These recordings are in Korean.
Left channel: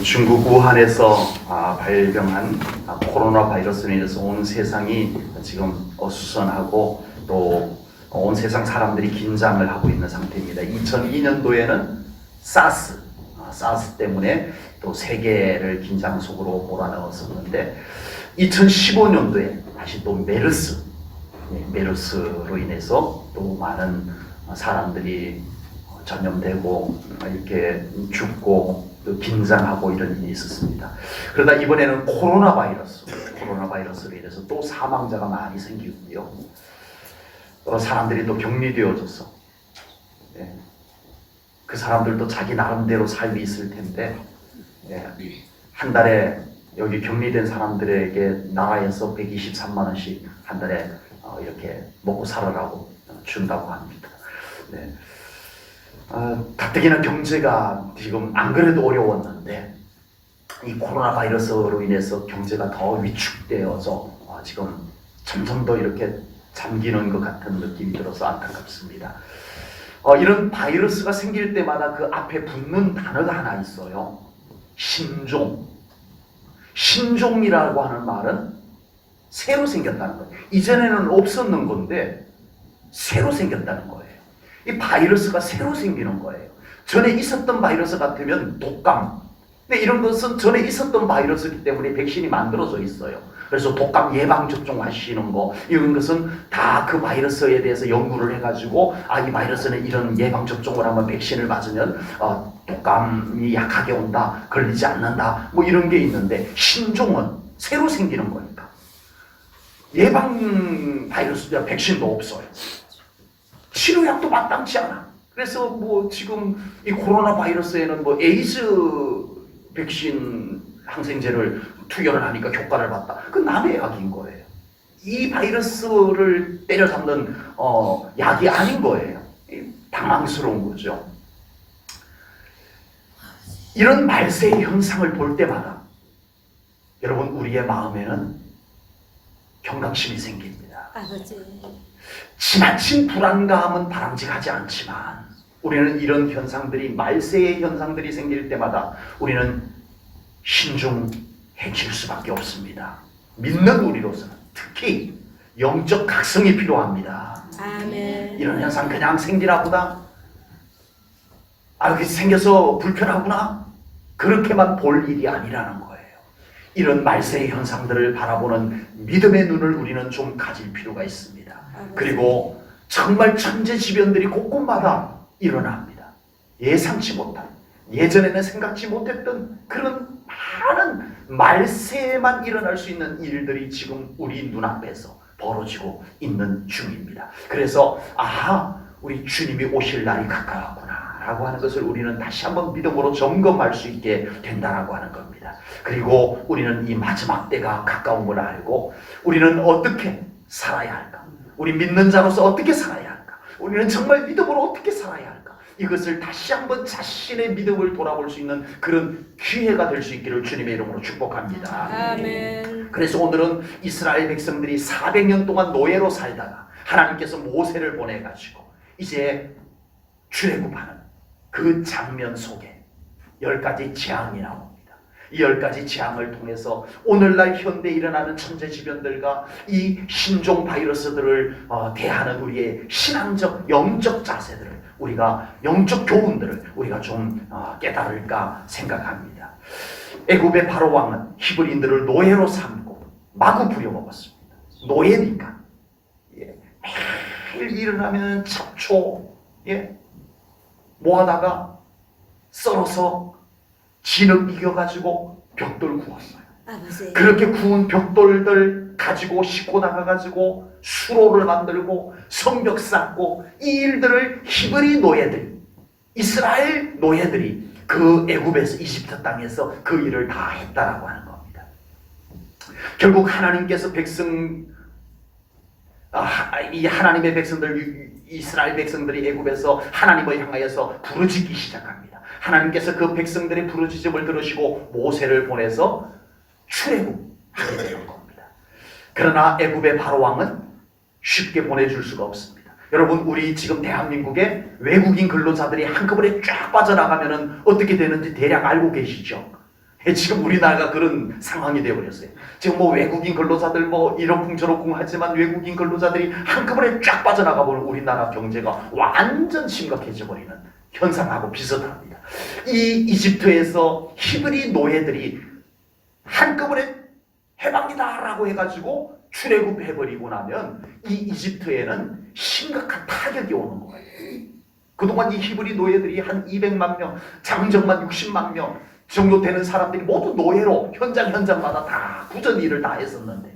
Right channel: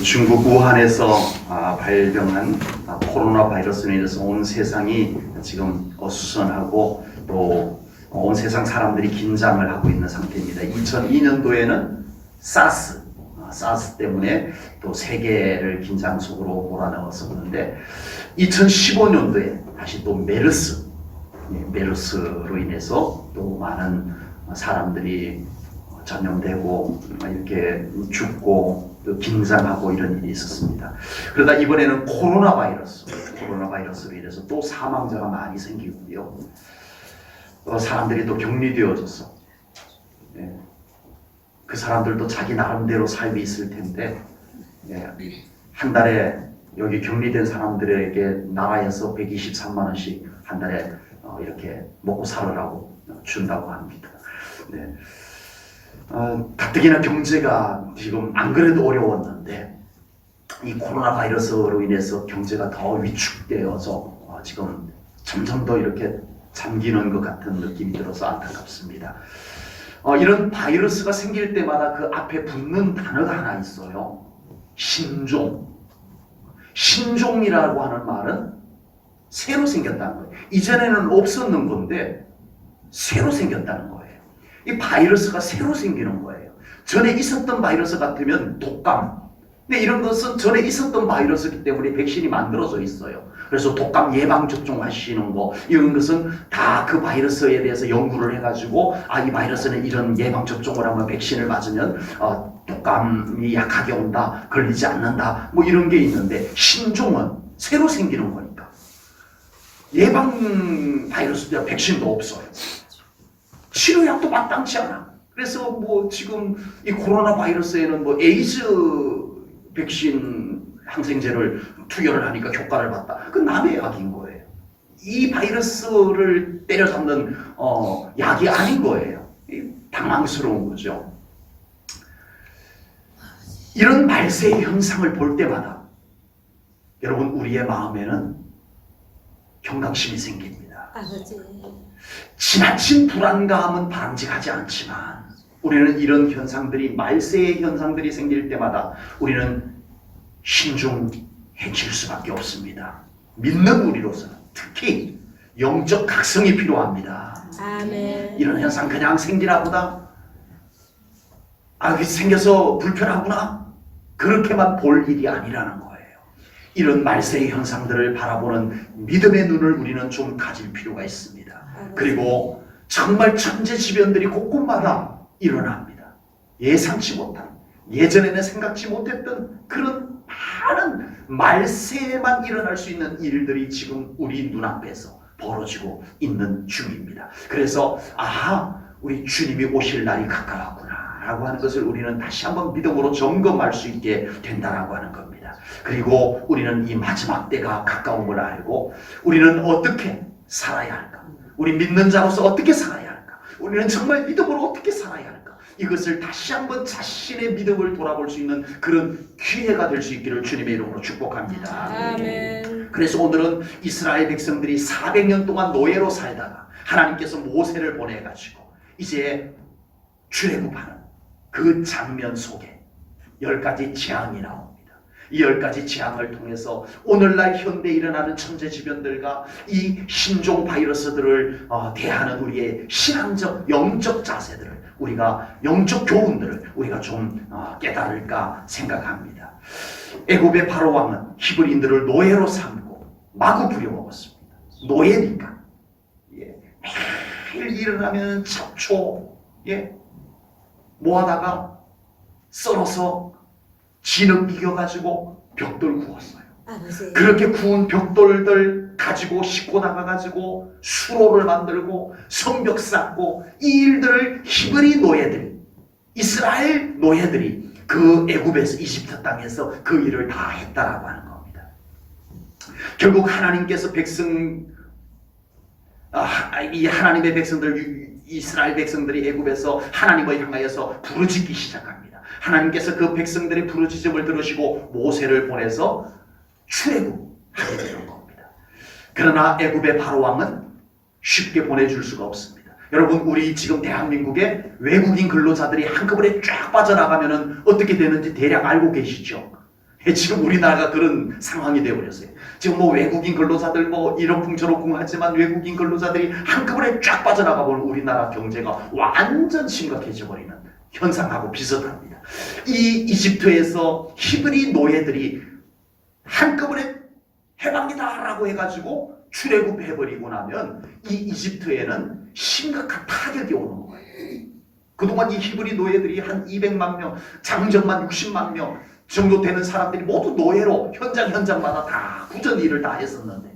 중국 우한에서 발병한 코로나 바이러스로 인해서 온 세상이 지금 어수선하고 또 온 세상 사람들이 긴장을 하고 있는 상태입니다. 2002년도에는 사스 때문에 또 세계를 긴장 속으로 몰아넣었었는데 2015년도에 다시 또 메르스로 인해서 또 많은 사람들이 전염되고 이렇게 죽고 또 긴장하고 이런 일이 있었습니다. 그러다 이번에는 코로나 바이러스로 인해서 또 사망자가 많이 생기고요. 사람들이 또 격리되어져서 그 사람들도 자기 나름대로 삶이 있을 텐데 한 달에 여기 격리된 사람들에게 나라에서 123만 원씩 한 달에 이렇게 먹고 살으라고 준다고 합니다. 가뜩이나 경제가 지금 안 그래도 어려웠는데 이 코로나 바이러스로 인해서 경제가 더 위축되어서 지금 점점 더 이렇게 잠기는 것 같은 느낌이 들어서 안타깝습니다. 이런 바이러스가 생길 때마다 그 앞에 붙는 단어가 하나 있어요. 신종이라고 하는 말은 새로 생겼다는 거예요. 이전에는 없었는 건데 새로 생겼다는 거예요. 이 바이러스가 새로 생기는 거예요. 전에 있었던 바이러스 같으면 독감. 근데 이런 것은 전에 있었던 바이러스이기 때문에 백신이 만들어져 있어요. 그래서 독감 예방접종 하시는 거, 이런 것은 다 그 바이러스에 대해서 연구를 해가지고 이 바이러스는 이런 예방접종을 하면 백신을 맞으면 독감이 약하게 온다, 걸리지 않는다, 뭐 이런 게 있는데 신종은 새로 생기는 거니까. 예방 바이러스도 백신도 없어요. 치료약도 마땅치 않아. 그래서 뭐 지금 이 코로나 바이러스에는 뭐 에이즈 백신 항생제를 투여를 하니까 효과를 봤다. 그건 남의 약인 거예요. 이 바이러스를 때려잡는 약이 아닌 거예요. 당황스러운 거죠. 이런 말세의 현상을 볼 때마다 여러분 우리의 마음에는 경각심이 생깁니다. 아버지. 지나친 불안감은 바람직하지 않지만 우리는 이런 현상들이 말세의 현상들이 생길 때마다 우리는 신중해질 수밖에 없습니다. 믿는 우리로서는 특히 영적 각성이 필요합니다. 아멘. 이런 현상 그냥 생기나 보다, 생겨서 불편하구나, 그렇게만 볼 일이 아니라는 거예요. 이런 말세의 현상들을 바라보는 믿음의 눈을 우리는 좀 가질 필요가 있습니다. 그리고 정말 천재지변들이 곳곳마다 일어납니다. 예상치 못한, 예전에는 생각지 못했던 그런 많은 말세에만 일어날 수 있는 일들이 지금 우리 눈앞에서 벌어지고 있는 중입니다. 그래서 우리 주님이 오실 날이 가까웠구나 라고 하는 것을 우리는 다시 한번 믿음으로 점검할 수 있게 된다라고 하는 겁니다. 그리고 우리는 이 마지막 때가 가까운 걸 알고 우리는 어떻게 살아야 할까? 우리 믿는 자로서 어떻게 살아야 할까? 우리는 정말 믿음으로 어떻게 살아야 할까? 이것을 다시 한번 자신의 믿음을 돌아볼 수 있는 그런 기회가 될 수 있기를 주님의 이름으로 축복합니다. 아멘. 그래서 오늘은 이스라엘 백성들이 400년 동안 노예로 살다가 하나님께서 모세를 보내가지고 이제 출애굽하는 그 장면 속에 10가지 재앙이 나옵니다. 이 10가지 재앙을 통해서 오늘날 현대에 일어나는 천재지변들과 이 신종 바이러스들을 대하는 우리의 신앙적 영적 자세들을, 우리가 영적 교훈들을 우리가 좀 깨달을까 생각합니다. 애굽의 바로 왕은 히브리인들을 노예로 삼고 마구 부려먹었습니다. 노예니까 매일 일어나면 잡초 모아다가 썰어서 진흙 이겨가지고 벽돌 구웠어요. 아버지. 그렇게 구운 벽돌들 가지고 싣고 나가가지고 수로를 만들고 성벽 쌓고, 이 일들을 히브리 노예들, 이스라엘 노예들이 그 애굽에서, 이집트 땅에서 그 일을 다 했다라고 하는 겁니다. 결국 하나님께서 이 하나님의 백성들, 이스라엘 백성들이 애굽에서 하나님을 향하여서 부르짖기 시작합니다. 하나님께서 그 백성들의 부르짖음을 들으시고 모세를 보내서 출애굽하게 되는 겁니다. 그러나 애굽의 바로 왕은 쉽게 보내줄 수가 없습니다. 여러분, 우리 지금 대한민국에 외국인 근로자들이 한꺼번에 쫙 빠져나가면은 어떻게 되는지 대략 알고 계시죠? 지금 우리나라가 그런 상황이 되어버렸어요. 지금 뭐 외국인 근로자들 뭐 이러쿵저러쿵 하지만 외국인 근로자들이 한꺼번에 쫙 빠져나가 버리는 우리나라 경제가 완전 심각해져 버리는 현상하고 비슷합니다. 이 이집트에서 히브리 노예들이 한꺼번에 해방이다라고 해가지고 출애굽해버리고 나면 이 이집트에는 심각한 타격이 오는 거예요. 그동안 이 히브리 노예들이 한 200만 명, 장정만 60만 명 정도 되는 사람들이 모두 노예로 현장마다 다 굳은 일을 다 했었는데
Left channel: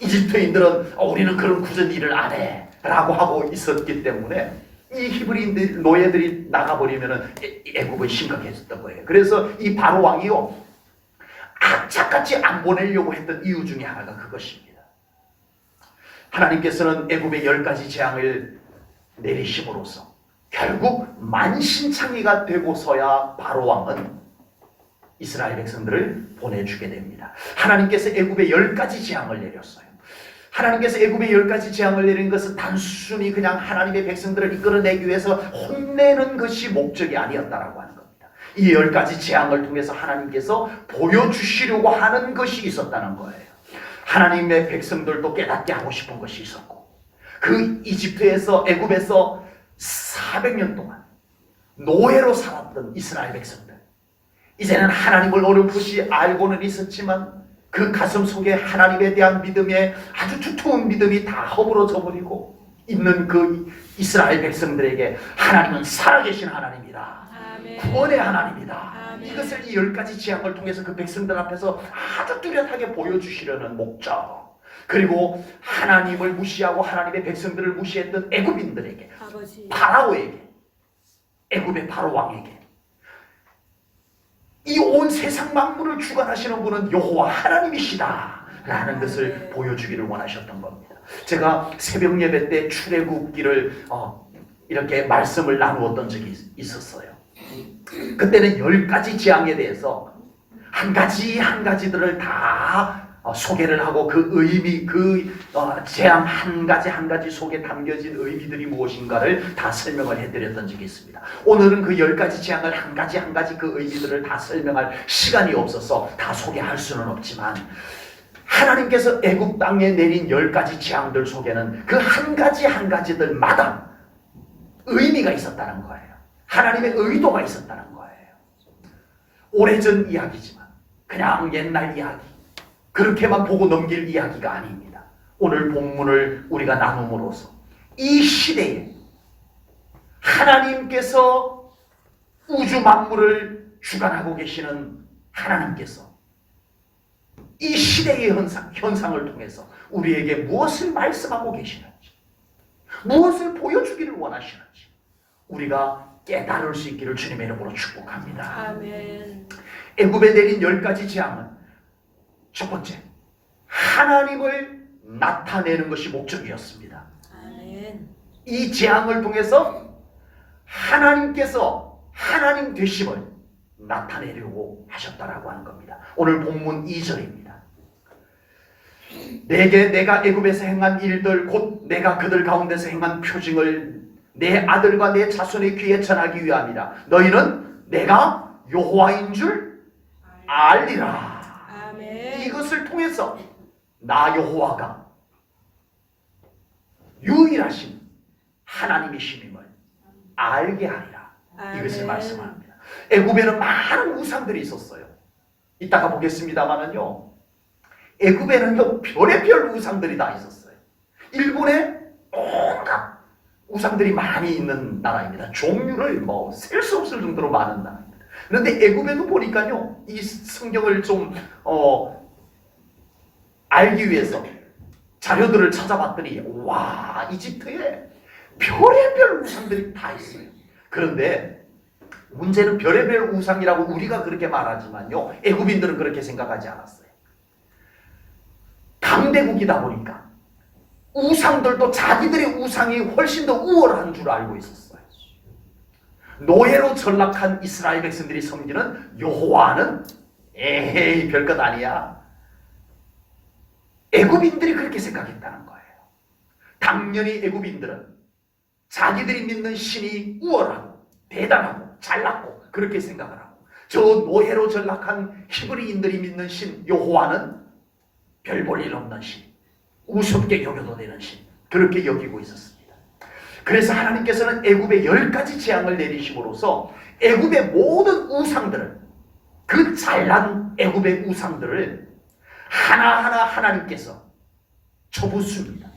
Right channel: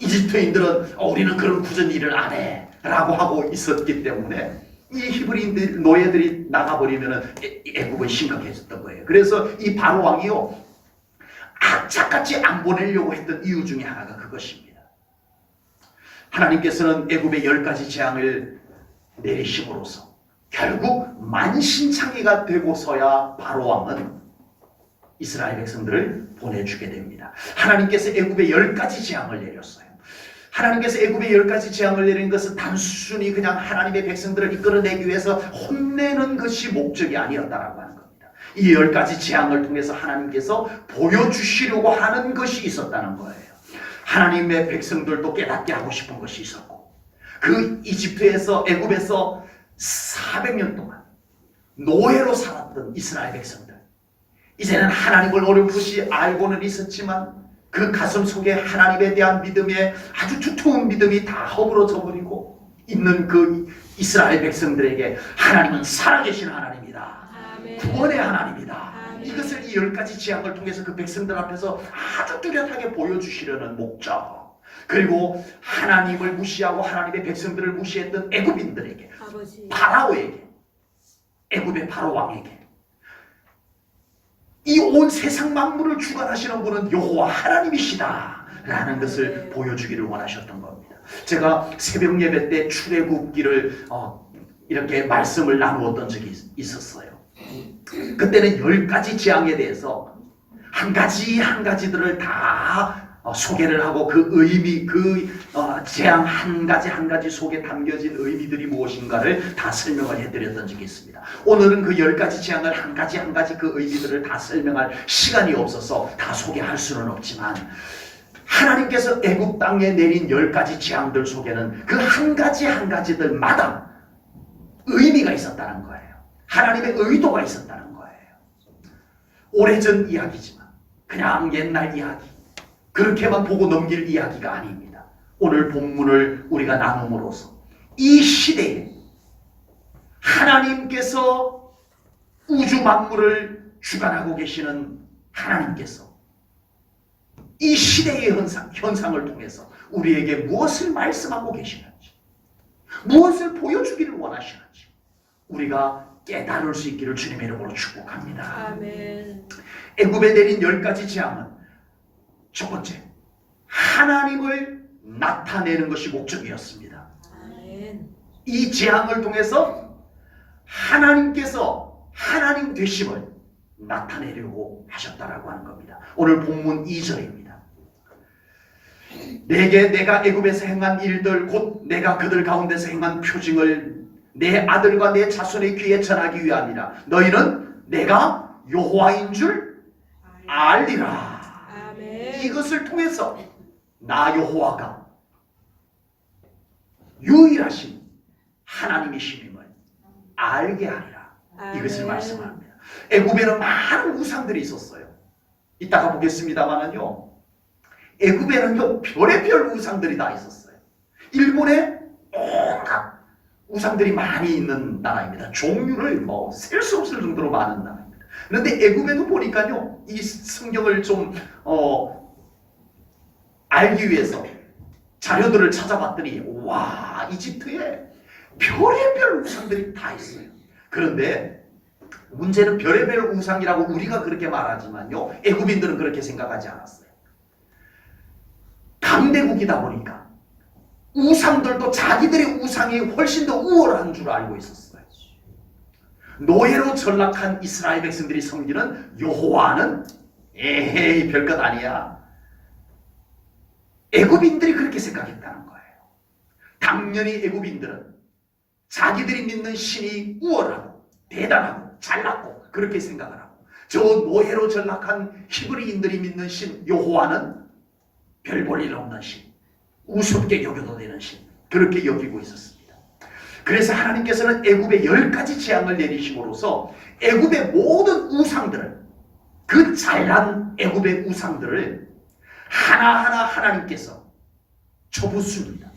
이집트인들은 우리는 그런 굳은 일을 안 해 라고 하고 있었기 때문에 이 히브리 노예들이 나가버리면 애국은 심각해졌던 거예요. 그래서 이 바로 왕이요 악착같이 안 보내려고 했던 이유 중에 하나가 그것입니다. 하나님께서는 애굽의 10가지 재앙을 내리심으로써 결국 만신창이가 되고서야 바로 왕은 이스라엘 백성들을 보내주게 됩니다. 하나님께서 애굽에 10가지 재앙을 내렸어요. 하나님께서 애굽에 10가지 재앙을 내린 것은 단순히 그냥 하나님의 백성들을 이끌어내기 위해서 혼내는 것이 목적이 아니었다라고 하는 겁니다. 이 10가지 재앙을 통해서 하나님께서 보여주시려고 하는 것이 있었다는 거예요. 하나님의 백성들도 깨닫게 하고 싶은 것이 있었고 그 이집트에서 애굽에서 400년 동안 노예로 살았던 이스라엘 백성들 이제는 하나님을 어렴풋이 알고는 있었지만 그 가슴 속에 하나님에 대한 믿음에 아주 두터운 믿음이 다 허물어져 버리고 있는 그 이스라엘 백성들에게 하나님은 살아계신 하나님이다. 아멘. 구원의 하나님이다. 아멘. 이것을 이 10가지 재앙을 통해서 그 백성들 앞에서 아주 뚜렷하게 보여주시려는 목적 그리고 하나님을 무시하고 하나님의 백성들을 무시했던 애굽인들에게 파라오에게 애굽의 바로 왕에게 이 온 세상 만물을 주관하시는 분은 여호와 하나님이시다 라는 것을 보여주기를 원하셨던 겁니다. 제가 새벽 예배 때 출애굽기를 이렇게 말씀을 나누었던 적이 있었어요. 그때는 10가지 재앙에 대해서 한 가지 한 가지들을 다 소개를 하고 그 의미, 재앙 한 가지 속에 담겨진 의미들이 무엇인가를 다 설명을 해드렸던 적이 있습니다. 오늘은 그 10가지 재앙을 한 가지 그 의미들을 다 설명할 시간이 없어서 다 소개할 수는 없지만 하나님께서 애굽 땅에 내린 10가지 재앙들 속에는 그 한 가지들마다 의미가 있었다는 거예요. 하나님의 의도가 있었다는 거예요. 오래전 이야기지만 그냥 옛날 이야기 그렇게만 보고 넘길 이야기가 아닙니다. 오늘 본문을 우리가 나눔으로써 이 시대에 하나님께서 우주 만물을 주관하고 계시는 하나님께서 이 시대의 현상을 통해서 우리에게 무엇을 말씀하고 계시는지 무엇을 보여주기를 원하시는지 우리가 깨달을 수 있기를 주님의 이름으로 축복합니다. 아멘. 애굽에 내린 10가지 재앙은 첫 번째, 하나님을 나타내는 것이 목적이었습니다. 아멘. 이 재앙을 통해서 하나님께서 하나님 되심을 나타내려고 하셨다라고 하는 겁니다. 오늘 본문 2절입니다. 내게 내가 애굽에서 행한 일들 곧 내가 그들 가운데서 행한 표징을 내 아들과 내 자손의 귀에 전하기 위함이라. 너희는 내가 여호와인 줄 알리라. 이것을 통해서 나 여호와가 유일하신 하나님이심임을 알게 하리라. 이것을 말씀합니다. 애굽에는 많은 우상들이 있었어요. 이따가 보겠습니다만은요. 애굽에는요 별의별 우상들이 다 있었어요. 일본에 온갖 우상들이 많이 있는 나라입니다. 종류를 셀 수 없을 정도로 많은 나라입니다. 그런데 애굽에도 보니까요 이 성경을 좀 알기 위해서 자료들을 찾아봤더니 와 이집트에 별의별 우상들이 다 있어요. 그런데 문제는 별의별 우상이라고 우리가 그렇게 말하지만요 애굽인들은 그렇게 생각하지 않았어요. 강대국이다 보니까 우상들도 자기들의 우상이 훨씬 더 우월한 줄 알고 있었어요. 노예로 전락한 이스라엘 백성들이 섬기는 여호와는 에헤이 별것 아니야. 애굽인들이 그렇게 생각했다는 거예요. 당연히 애굽인들은 자기들이 믿는 신이 우월하고 대단하고 잘났고 그렇게 생각을 하고 저 노예로 전락한 히브리인들이 믿는 신 여호와는 별 볼 일 없는 신, 우습게 여겨도 되는 신, 그렇게 여기고 있었습니다. 그래서 하나님께서는 애굽에 10가지 재앙을 내리심으로써 애굽의 모든 우상들을, 그 잘난 애굽의 우상들을 하나하나 하나님께서 쳐붓습니다.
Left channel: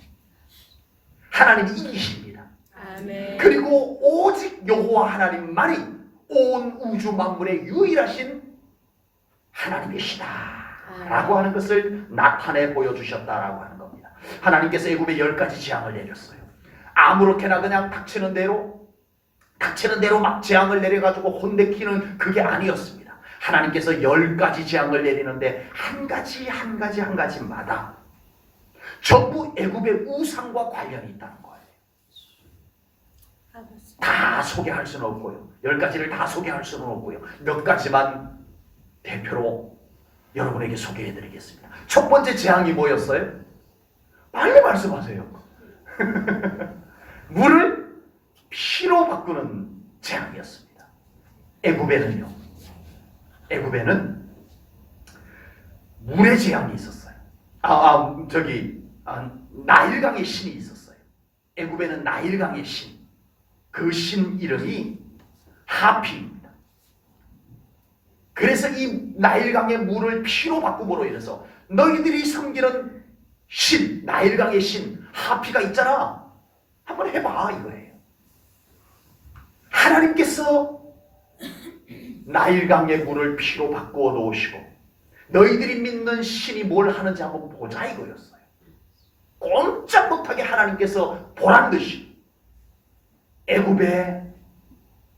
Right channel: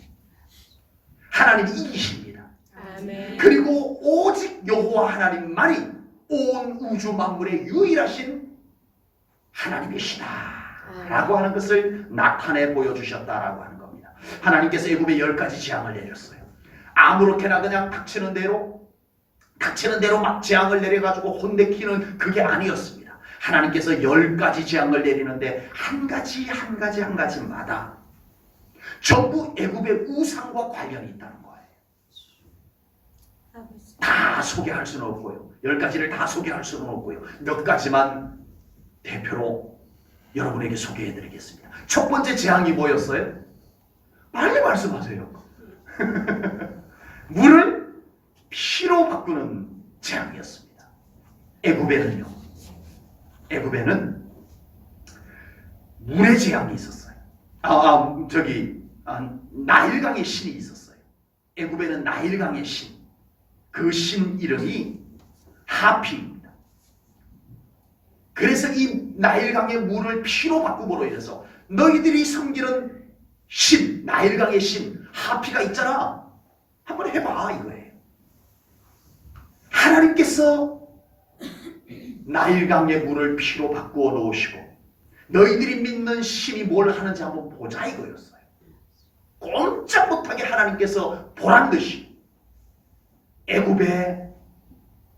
하나님이 이기십니다. 아멘. 그리고 오직 여호와 하나님만이 온 우주 만물의 유일하신 하나님이시다 라고 하는 것을 나타내 보여주셨다라고 하는 겁니다. 하나님께서 애굽에 10가지 재앙을 내렸어요. 아무렇게나 그냥 닥치는 대로 막 재앙을 내려가지고 혼내키는 그게 아니었습니다. 하나님께서 10가지 재앙을 내리는데 한 가지마다 전부 애굽의 우상과 관련이 있다는 거예요. 다 소개할 수는 없고요. 10가지를 다 소개할 수는 없고요. 몇 가지만 대표로 여러분에게 소개해드리겠습니다. 첫 번째 재앙이 뭐였어요? 빨리 말씀하세요. 물을 피로 바꾸는 재앙이었습니다. 애굽에는 물의 재앙이 있었어요. 나일강의 신이 있었어요. 애굽에는 나일강의 신, 그 신 이름이 하피입니다. 그래서 이 나일강의 물을 피로 바꿈으로 인해서 너희들이 섬기는 신, 나일강의 신 하피가 있잖아, 한번 해봐 이거예요. 하나님께서 나일강의 물을 피로 바꾸어 놓으시고 너희들이 믿는 신이 뭘 하는지 한번 보자 이거였어요. 꼼짝 못하게 하나님께서 보란듯이 애굽의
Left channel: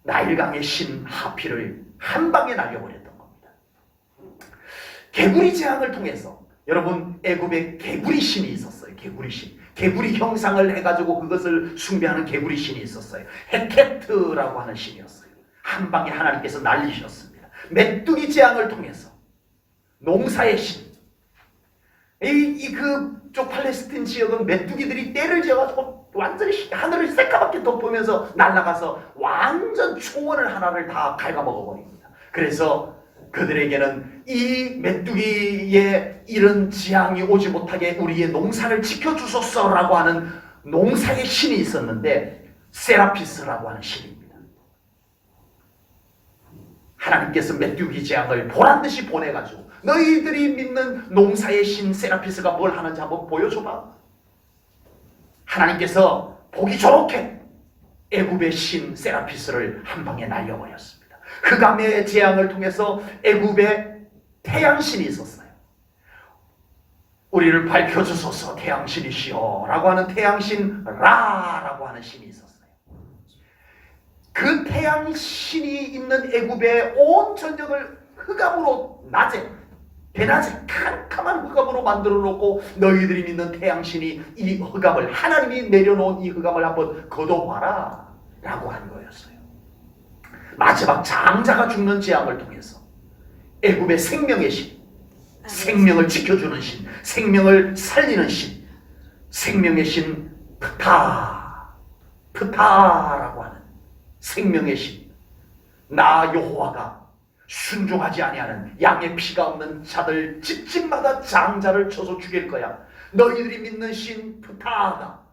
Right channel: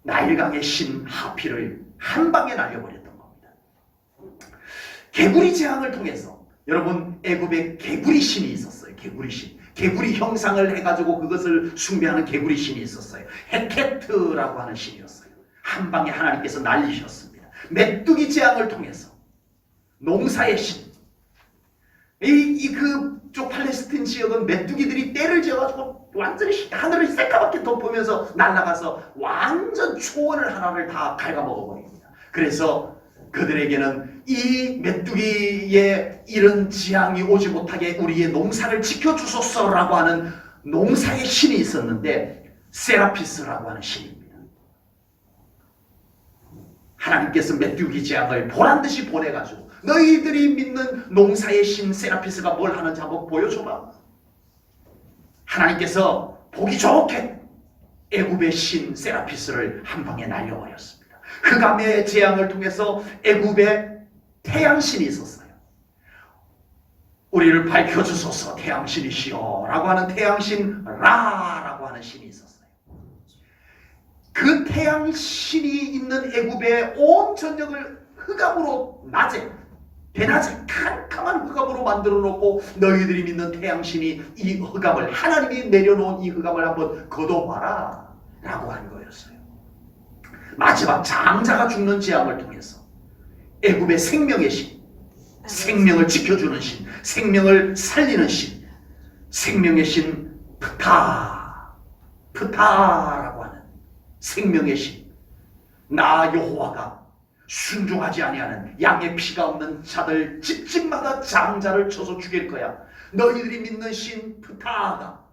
나일강의 신 하피를 한 방에 날려버렸던 겁니다. 개구리 재앙을 통해서 여러분, 애굽에 개구리 신이 있었어요. 개구리 신, 개구리 형상을 해가지고 그것을 숭배하는 개구리 신이 있었어요. 헤케트라고 하는 신이었어요. 한 방에 하나님께서 날리셨습니다. 메뚜기 재앙을 통해서 농사의 신, 그쪽 팔레스틴 지역은 메뚜기들이 떼를 지어가지고 완전히 하늘을 새까맣게 덮으면서 날아가서 완전 초원을 하나를 다 갉아먹어버립니다. 그래서 그들에게는 이 메뚜기의 이런 재앙이 오지 못하게 우리의 농사를 지켜주소서라고 하는 농사의 신이 있었는데 세라피스라고 하는 신입니다. 하나님께서 메뚜기 재앙을 보란듯이 보내가지고 너희들이 믿는 농사의 신 세라피스가 뭘 하는지 한번 보여줘봐. 하나님께서 보기 좋게 애굽의 신 세라피스를 한 방에 날려버렸습니다. 흑암의 재앙을 통해서 애굽에 태양신이 있었어요. 우리를 밝혀주소서 태양신이시여 라고 하는 태양신 라라고 하는 신이 있었어요. 그 태양신이 있는 애굽의 온 전역을 흑암으로 대낮에 캄캄한 흑암으로 만들어 놓고 너희들이 믿는 태양신이 이 흑암을, 하나님이 내려놓은 이 흑암을 한번 걷어봐라 라고 한 거였어요. 마지막 장자가 죽는 재앙을 통해서 애굽의 생명의 신, 생명을 지켜주는 신, 생명을 살리는 신, 생명의 신 프타라고 하는 생명의 신, 나 여호와가 순종하지 아니하는 양의 피가 없는 자들 집집마다 장자를 쳐서 죽일 거야. 너희들이 믿는 신 프타가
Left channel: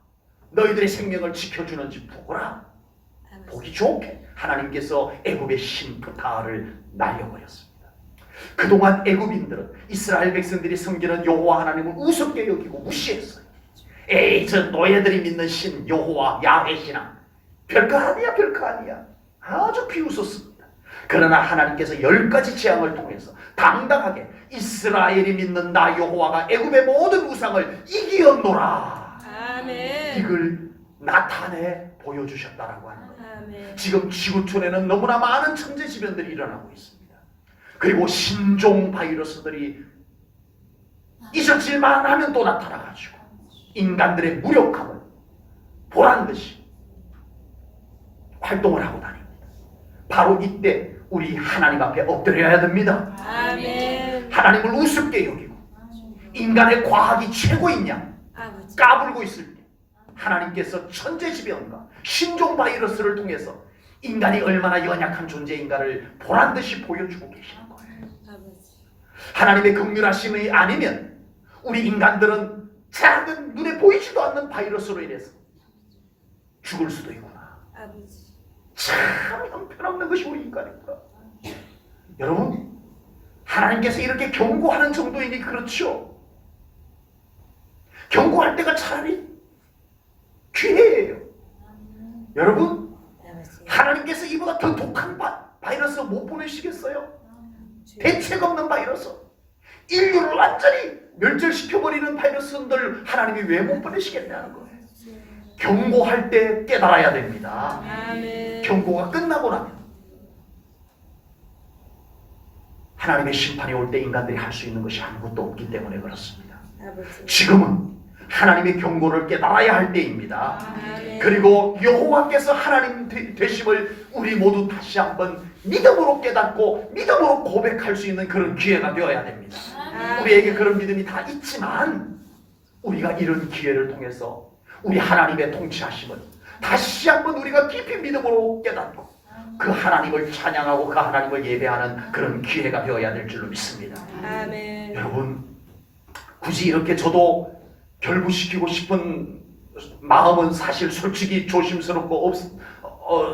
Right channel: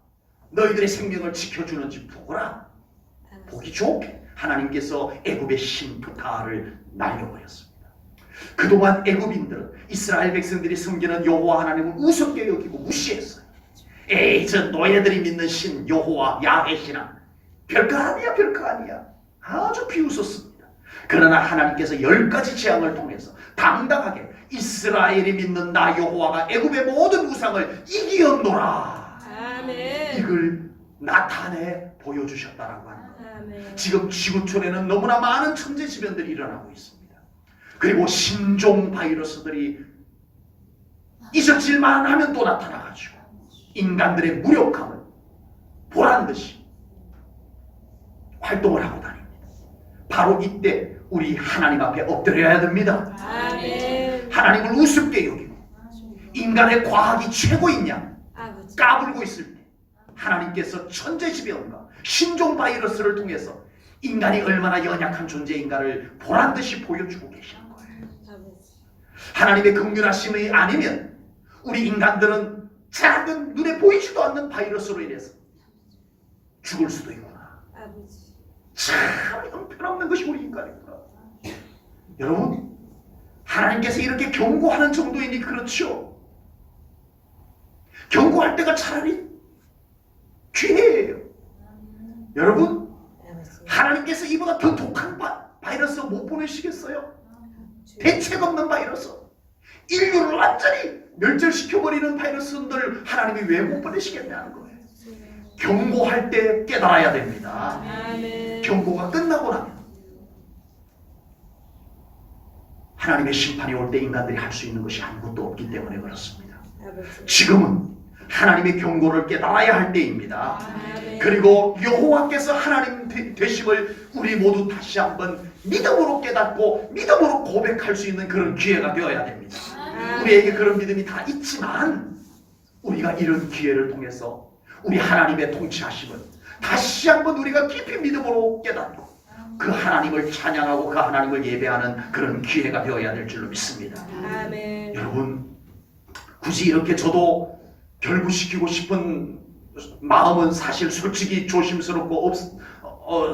너희들의 생명을 지켜주는지 보거라. 보기 좋게 하나님께서 애굽의 신 프타를 날려버렸습니다. 그동안 애굽인들은 이스라엘 백성들이 섬기는 여호와 하나님을 우습게 여기고 무시했어요. 에이, 저 노예들이 믿는 신 여호와 야훼 신아, 별거 아니야. 아주 비웃었습니다. 그러나 하나님께서 10가지 재앙을 통해서 당당하게 이스라엘이 믿는 나 여호와가 애굽의 모든 우상을 이기었노라. 아멘. 이걸 나타내 보여주셨다라고 합니다. 아멘. 지금 지구촌에는 너무나 많은 천재지변들이 일어나고 있습니다. 그리고 신종 바이러스들이 잊어질만 하면 또 나타나가지고 인간들의 무력함을 보란듯이 활동을 하고 다닙니다. 바로 이때 우리 하나님 앞에 엎드려야 됩니다. 아멘. 하나님을 우습게 여기고 인간의 과학이 최고인 양 아버지. 까불고 있을 때 하나님께서 천재지변과 신종 바이러스를 통해서 인간이 얼마나 연약한 존재인가를 보란듯이 보여주고 계시는 거예요. 아버지. 하나님의 긍휼하심이 아니면 우리 인간들은 작은 눈에 보이지도 않는 바이러스로 인해서 죽을 수도 있구나. 아버지. 참 형편없는 것이 우리 인간입니다. 여러분, 하나님께서 이렇게 경고하는 정도이니 그렇죠. 경고할 때가 차라리 기회예요. 여러분, 아버지. 하나님께서 이보다 더 독한 바이러스 못 보내시겠어요? 대책 없는 바이러스, 인류를 완전히 멸절시켜버리는 바이러스들 하나님이 왜 못 보내시겠냐는 거예요. 경고할 때 깨달아야 됩니다. 아멘. 경고가 끝나고 나면 하나님의 심판이 올 때 인간들이 할 수 있는 것이 아무것도 없기 때문에 그렇습니다. 아버지. 지금은 하나님의 경고를 깨달아야 할 때입니다. 아멘. 그리고 여호와께서 하나님 되심을 우리 모두 다시 한번 믿음으로 깨닫고 믿음으로 고백할 수 있는 그런 기회가 되어야 됩니다. 우리에게 그런 믿음이 다 있지만 우리가 이런 기회를 통해서 우리 하나님의 통치하심을 다시 한번 우리가 깊이 믿음으로 깨닫고 그 하나님을 찬양하고 그 하나님을 예배하는 그런 기회가 되어야 될 줄로 믿습니다. 아멘. 여러분, 굳이 이렇게 저도 결부시키고 싶은 마음은 사실 솔직히 조심스럽고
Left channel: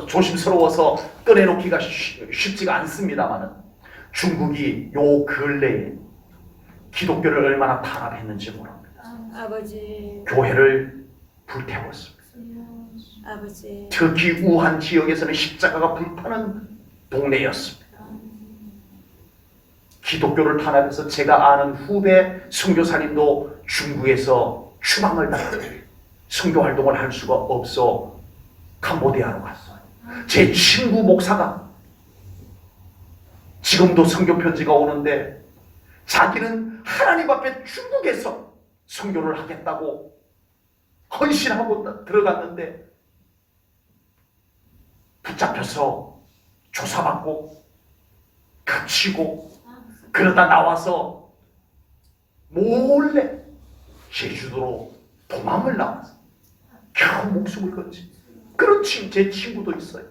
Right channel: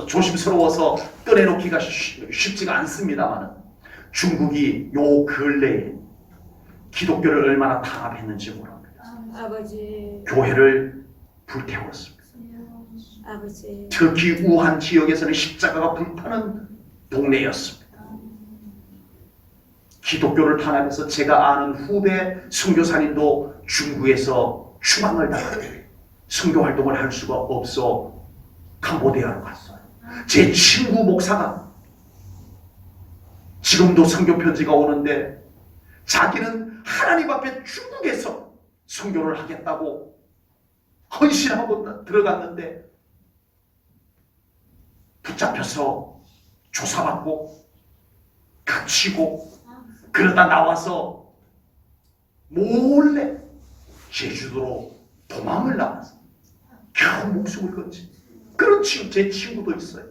조심스러워서 꺼내놓기가 쉽지가 않습니다만 중국이 요 근래에 기독교를 얼마나 탄압했는지 모릅니다. 아버지. 교회를 불태웠습니다. 아버지. 특히 우한 지역에서는 십자가가 불타는 동네였습니다. 기독교를 탄압해서 제가 아는 후배 선교사님도 중국에서 추방을 당하고 선교 활동을 할 수가 없어 캄보디아로 갔어요. 제 친구 목사가 지금도 선교 편지가 오는데 자기는 하나님 앞에 중국에서 선교를 하겠다고 헌신하고 들어갔는데 붙잡혀서 조사받고 갇히고 그러다 나와서 몰래 제주도로 도망을 나왔어. 겨우 목숨을 건지. 그런 제 친구도 있어요.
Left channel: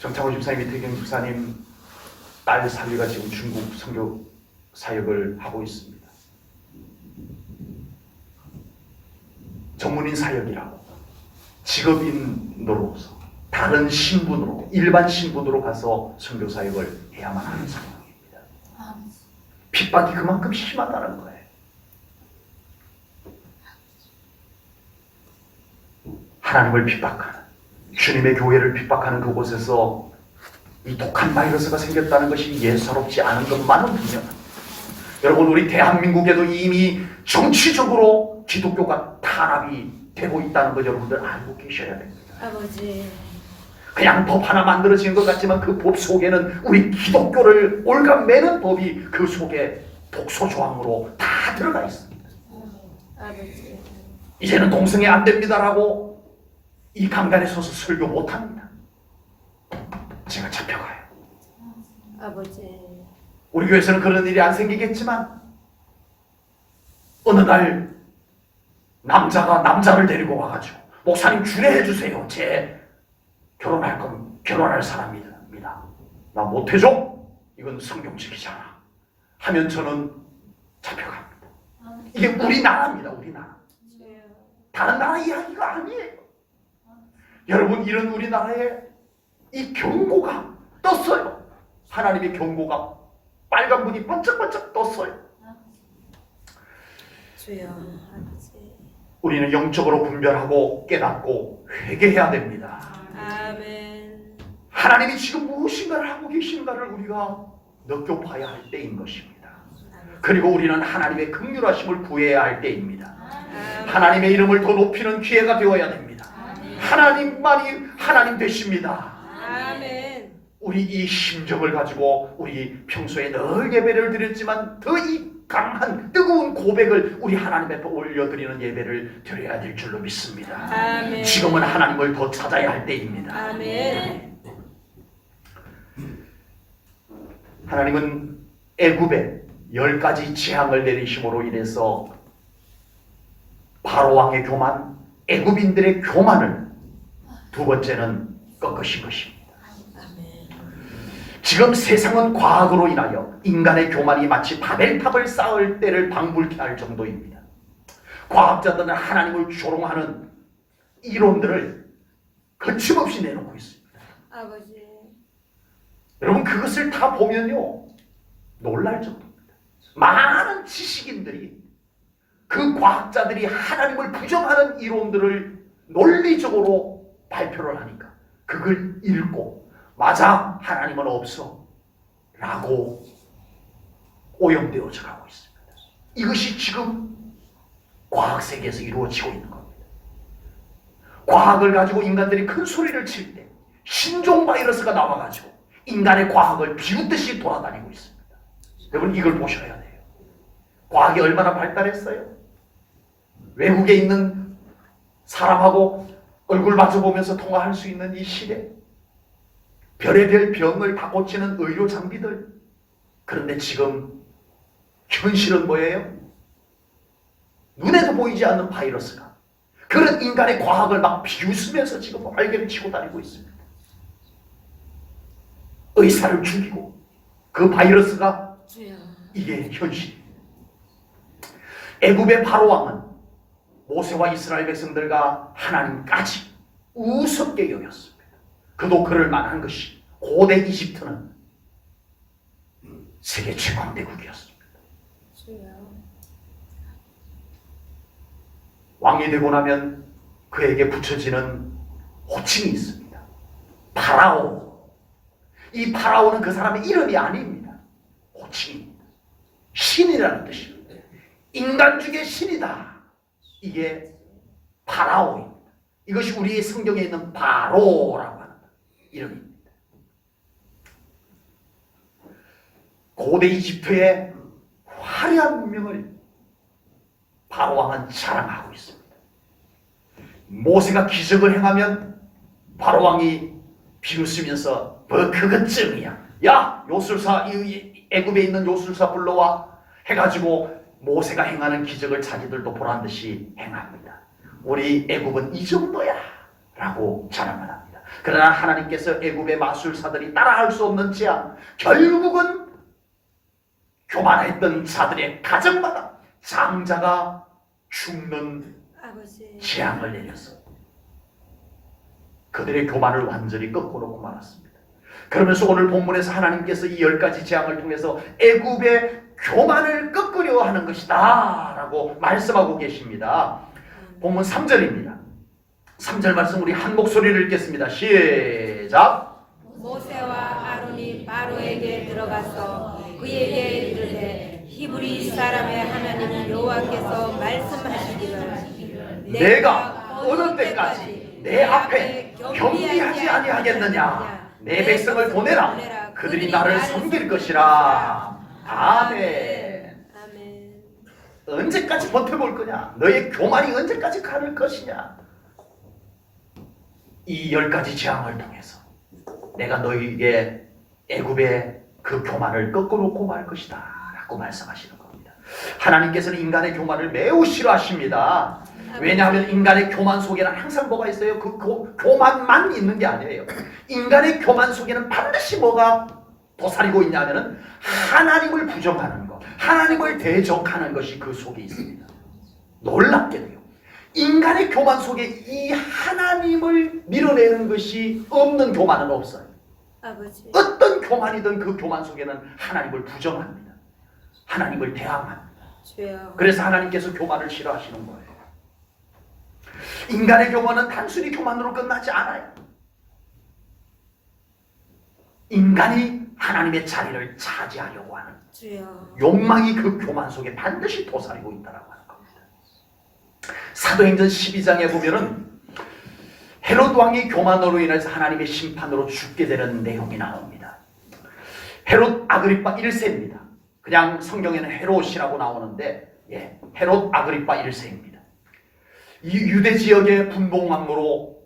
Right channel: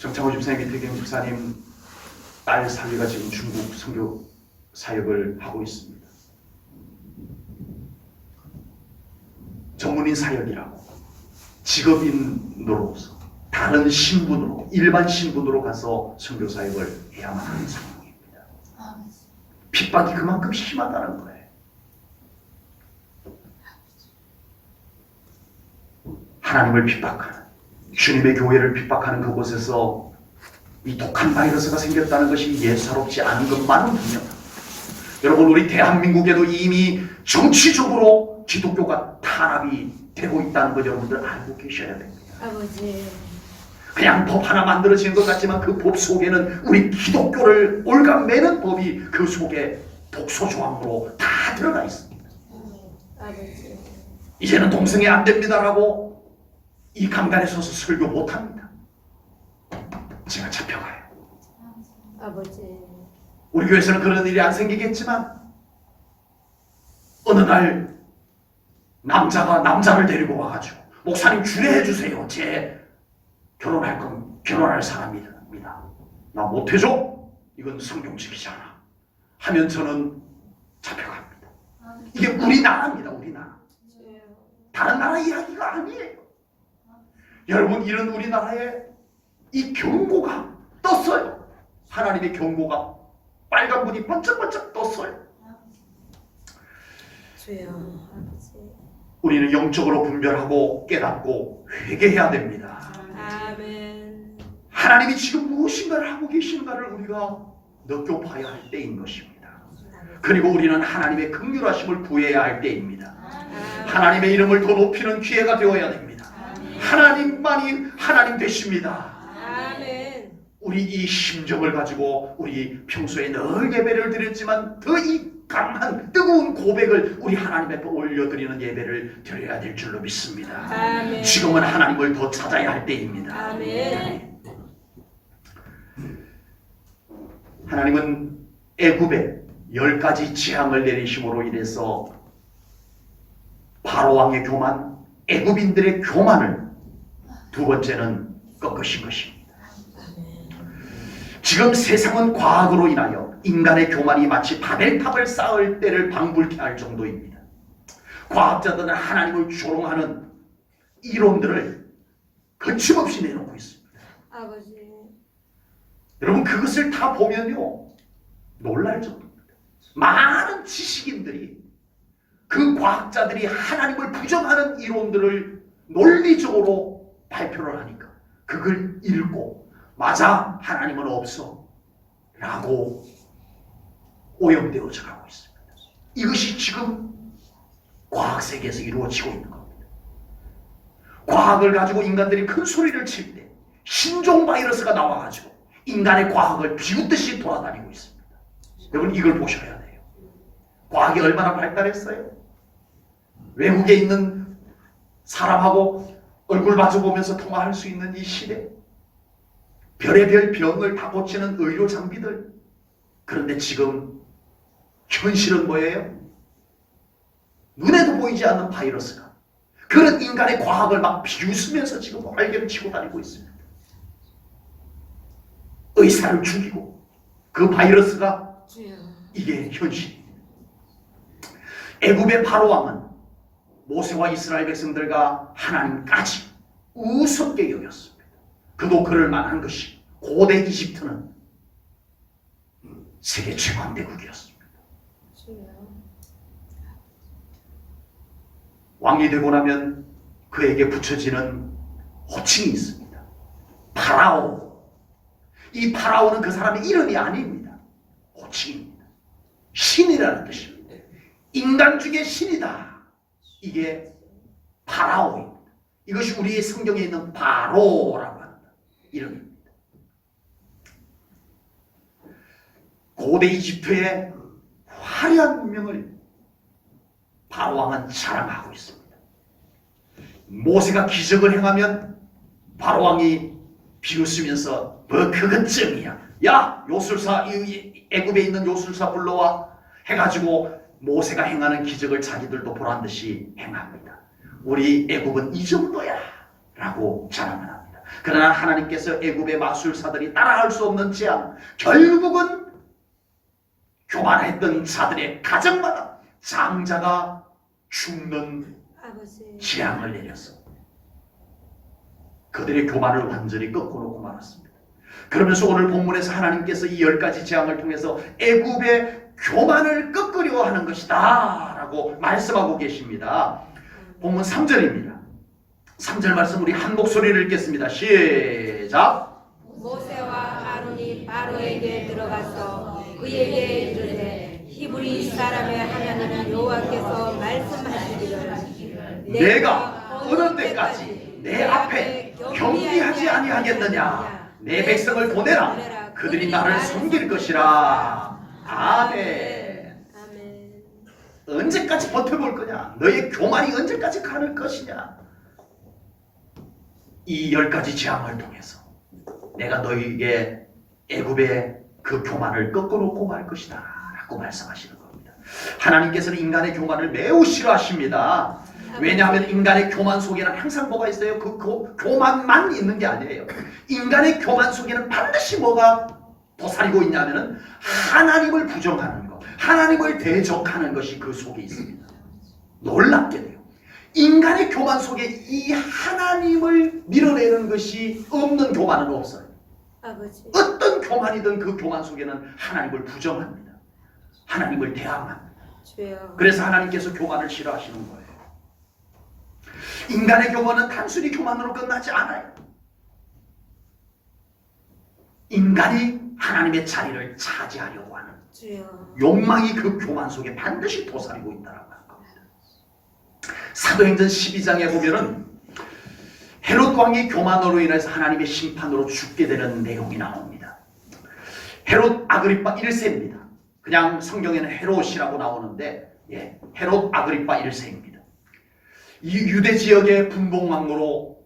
정창호 집사님, 이태경 집사님 딸 살리가 지금 중국 선교 사역을 하고 있습니다. 전문인 사역이라고 직업인으로서 다른 신분으로 일반 신분으로 가서 선교 사역을 해야만 하는 상황입니다. 핍박이 그만큼 심하다는 거예요. 하나님을 핍박하는 주님의 교회를 핍박하는 그곳에서 이 독한 바이러스가 생겼다는 것이 예사롭지 않은 것만은 분명합니다. 여러분, 우리 대한민국에도 이미 정치적으로 기독교가 탄압이 되고 있다는 것 여러분들 알고 계셔야 됩니다. 아버지. 그냥 법 하나 만들어지는 것 같지만 그 법 속에는 우리 기독교를 올가매는 법이 그 속에 독소 조항으로 다 들어가 있습니다. 아버지. 이제는 동성애 안 됩니다라고 이 강단에 서서 설교 못합니다. 제가 잡혀가요. 아버지. 우리 교회에서는 그런 일이 안 생기겠지만 어느 날 남자가 남자를 데리고 와가지고 목사님 주례해 주세요. 제 결혼할 사람입니다. 나 못해줘? 이건 성경적이잖아. 하면 저는 잡혀갑니다. 이게 우리나라입니다. 우리나라. 다른 나라 이야기가 아니에요. 여러분, 이런 우리나라에 이 경고가 떴어요. 하나님의 경고가 빨간 불이 번쩍번쩍 떴어요. 주여. 아버지. 우리는 영적으로 분별하고 깨닫고 회개해야 됩니다. 아멘. 하나님이 지금 무엇인가를 하고 계신가를 우리가 느껴봐야 할 때인 것입니다. 그리고 우리는 하나님의 긍휼하심을 구해야 할 때입니다. 하나님의 이름을 더 높이는 기회가 되어야 됩니다. 하나님만이 하나님 되십니다. 아멘. 우리 이 심정을 가지고 우리 평소에 늘 예배를 드렸지만 더 이 강한 뜨거운 고백을 우리 하나님 앞에 올려드리는 예배를 드려야 될 줄로 믿습니다. 아멘. 지금은 하나님을 더 찾아야 할 때입니다. 아멘. 하나님은 애굽에 10가지 재앙을 내리심으로 인해서 바로 왕의 교만, 애굽인들의 교만을 두 번째는 꺾으신 것입니다. 지금 세상은 과학으로 인하여 인간의 교만이 마치 바벨탑을 쌓을 때를 방불케 할 정도입니다. 과학자들은 하나님을 조롱하는 이론들을 거침없이 내놓고 있습니다. 아버지. 여러분 그것을 다 보면요 놀랄 정도입니다. 많은 지식인들이 그 과학자들이 하나님을 부정하는 이론들을 논리적으로 발표를 하니까 그걸 읽고 맞아 하나님은 없어 라고 오염되어져 가고 있습니다. 이것이 지금 과학세계에서 이루어지고 있는 겁니다. 과학을 가지고 인간들이 큰 소리를 칠 때 신종 바이러스가 나와가지고 인간의 과학을 비웃듯이 돌아다니고 있습니다. 여러분 이걸 보셔야 돼요. 과학이 얼마나 발달했어요? 외국에 있는 사람하고 얼굴 마주보면서 통화할 수 있는 이 시대, 별의별 병을 다 고치는 의료 장비들. 그런데 지금 현실은 뭐예요? 눈에도 보이지 않는 바이러스가 그런 인간의 과학을 막 비웃으면서 지금 활개를 치고 다니고 있습니다. 의사를 죽이고 그 바이러스가 이게 현실입니다. 애굽의 바로 왕은 모세와 이스라엘 백성들과 하나님까지 우습게 여겼습니다. 그도 그럴 만한 것이 고대 이집트는 세계 최강대국이었습니다. 왕이 되고 나면 그에게 붙여지는 호칭이 있습니다. 파라오. 이 파라오는 그 사람의 이름이 아닙니다. 호칭입니다. 신이라는 뜻입니다. 인간 중에 신이다. 이게 파라오입니다. 이것이 우리의 성경에 있는 바로라고 하는 이름입니다. 고대 이집트의 화려한 문명을 바로 왕은 자랑하고 있습니다. 모세가 기적을 행하면 바로 왕이 비웃으면서 뭐 그것쯤이야. 야 요술사 애굽에 있는 요술사 불러와 해가지고 모세가 행하는 기적을 자기들도 보란듯이 행합니다. 우리 애굽은 이 정도야 라고 자랑을 합니다. 그러나 하나님께서 애굽의 마술사들이 따라할 수 없는 재앙, 결국은 교만했던 자들의 가정마다 장자가 죽는 재앙을 내렸습니다. 그들의 교만을 완전히 꺾어놓고 말았습니다. 그러면서 오늘 본문에서 하나님께서 이 10가지 재앙을 통해서 애굽의 교만을 꺾으려 하는 것이다 라고 말씀하고 계십니다. 본문 3절입니다. 3절 말씀 우리 한 목소리를 읽겠습니다. 시작. 모세와 아론이 바로에게 들어가서 그에게 이르되 히브리 사람의 하나님 여호와께서 말씀하시기를 내가 어느 때까지 내 앞에 경비하지 아니하겠느냐. 내 백성을 보내라. 그들이 나를 섬길 것이라. 아멘. 언제까지 버텨볼 거냐? 너의 교만이 언제까지 가는 것이냐? 이 10가지 재앙을 통해서 내가 너희에게 애굽의 그 교만을 꺾어놓고 말 것이다 라고 말씀하시는 겁니다. 하나님께서는 인간의 교만을 매우 싫어하십니다. 왜냐하면 인간의 교만 속에는 항상 뭐가 있어요? 그 교만만 있는 게 아니에요. 인간의 교만 속에는 반드시 뭐가 도사리고 있냐면은 하나님을 부정하는 것, 하나님을 대적하는 것이 그 속에 있습니다. 놀랍게도요. 인간의 교만 속에 이 하나님을 밀어내는 것이 없는 교만은 없어요. 아버지. 어떤 교만이든 그 교만 속에는 하나님을 부정합니다. 하나님을 대항합니다. 주여. 그래서 하나님께서 교만을 싫어하시는 거예요. 인간의 교만은 단순히 교만으로 끝나지 않아요. 인간이 하나님의 자리를 차지하려고 하는 주여. 욕망이 그 교만 속에 반드시 도사리고 있다라고 하는 겁니다. 사도행전 12장에 보면은 헤롯 왕이 교만으로 인해서 하나님의 심판으로 죽게 되는 내용이 나옵니다. 헤롯 아그리파 1세입니다. 그냥 성경에는 헤롯이라고 나오는데 헤롯 아그리파 1세입니다. 이 유대 지역의 분봉왕으로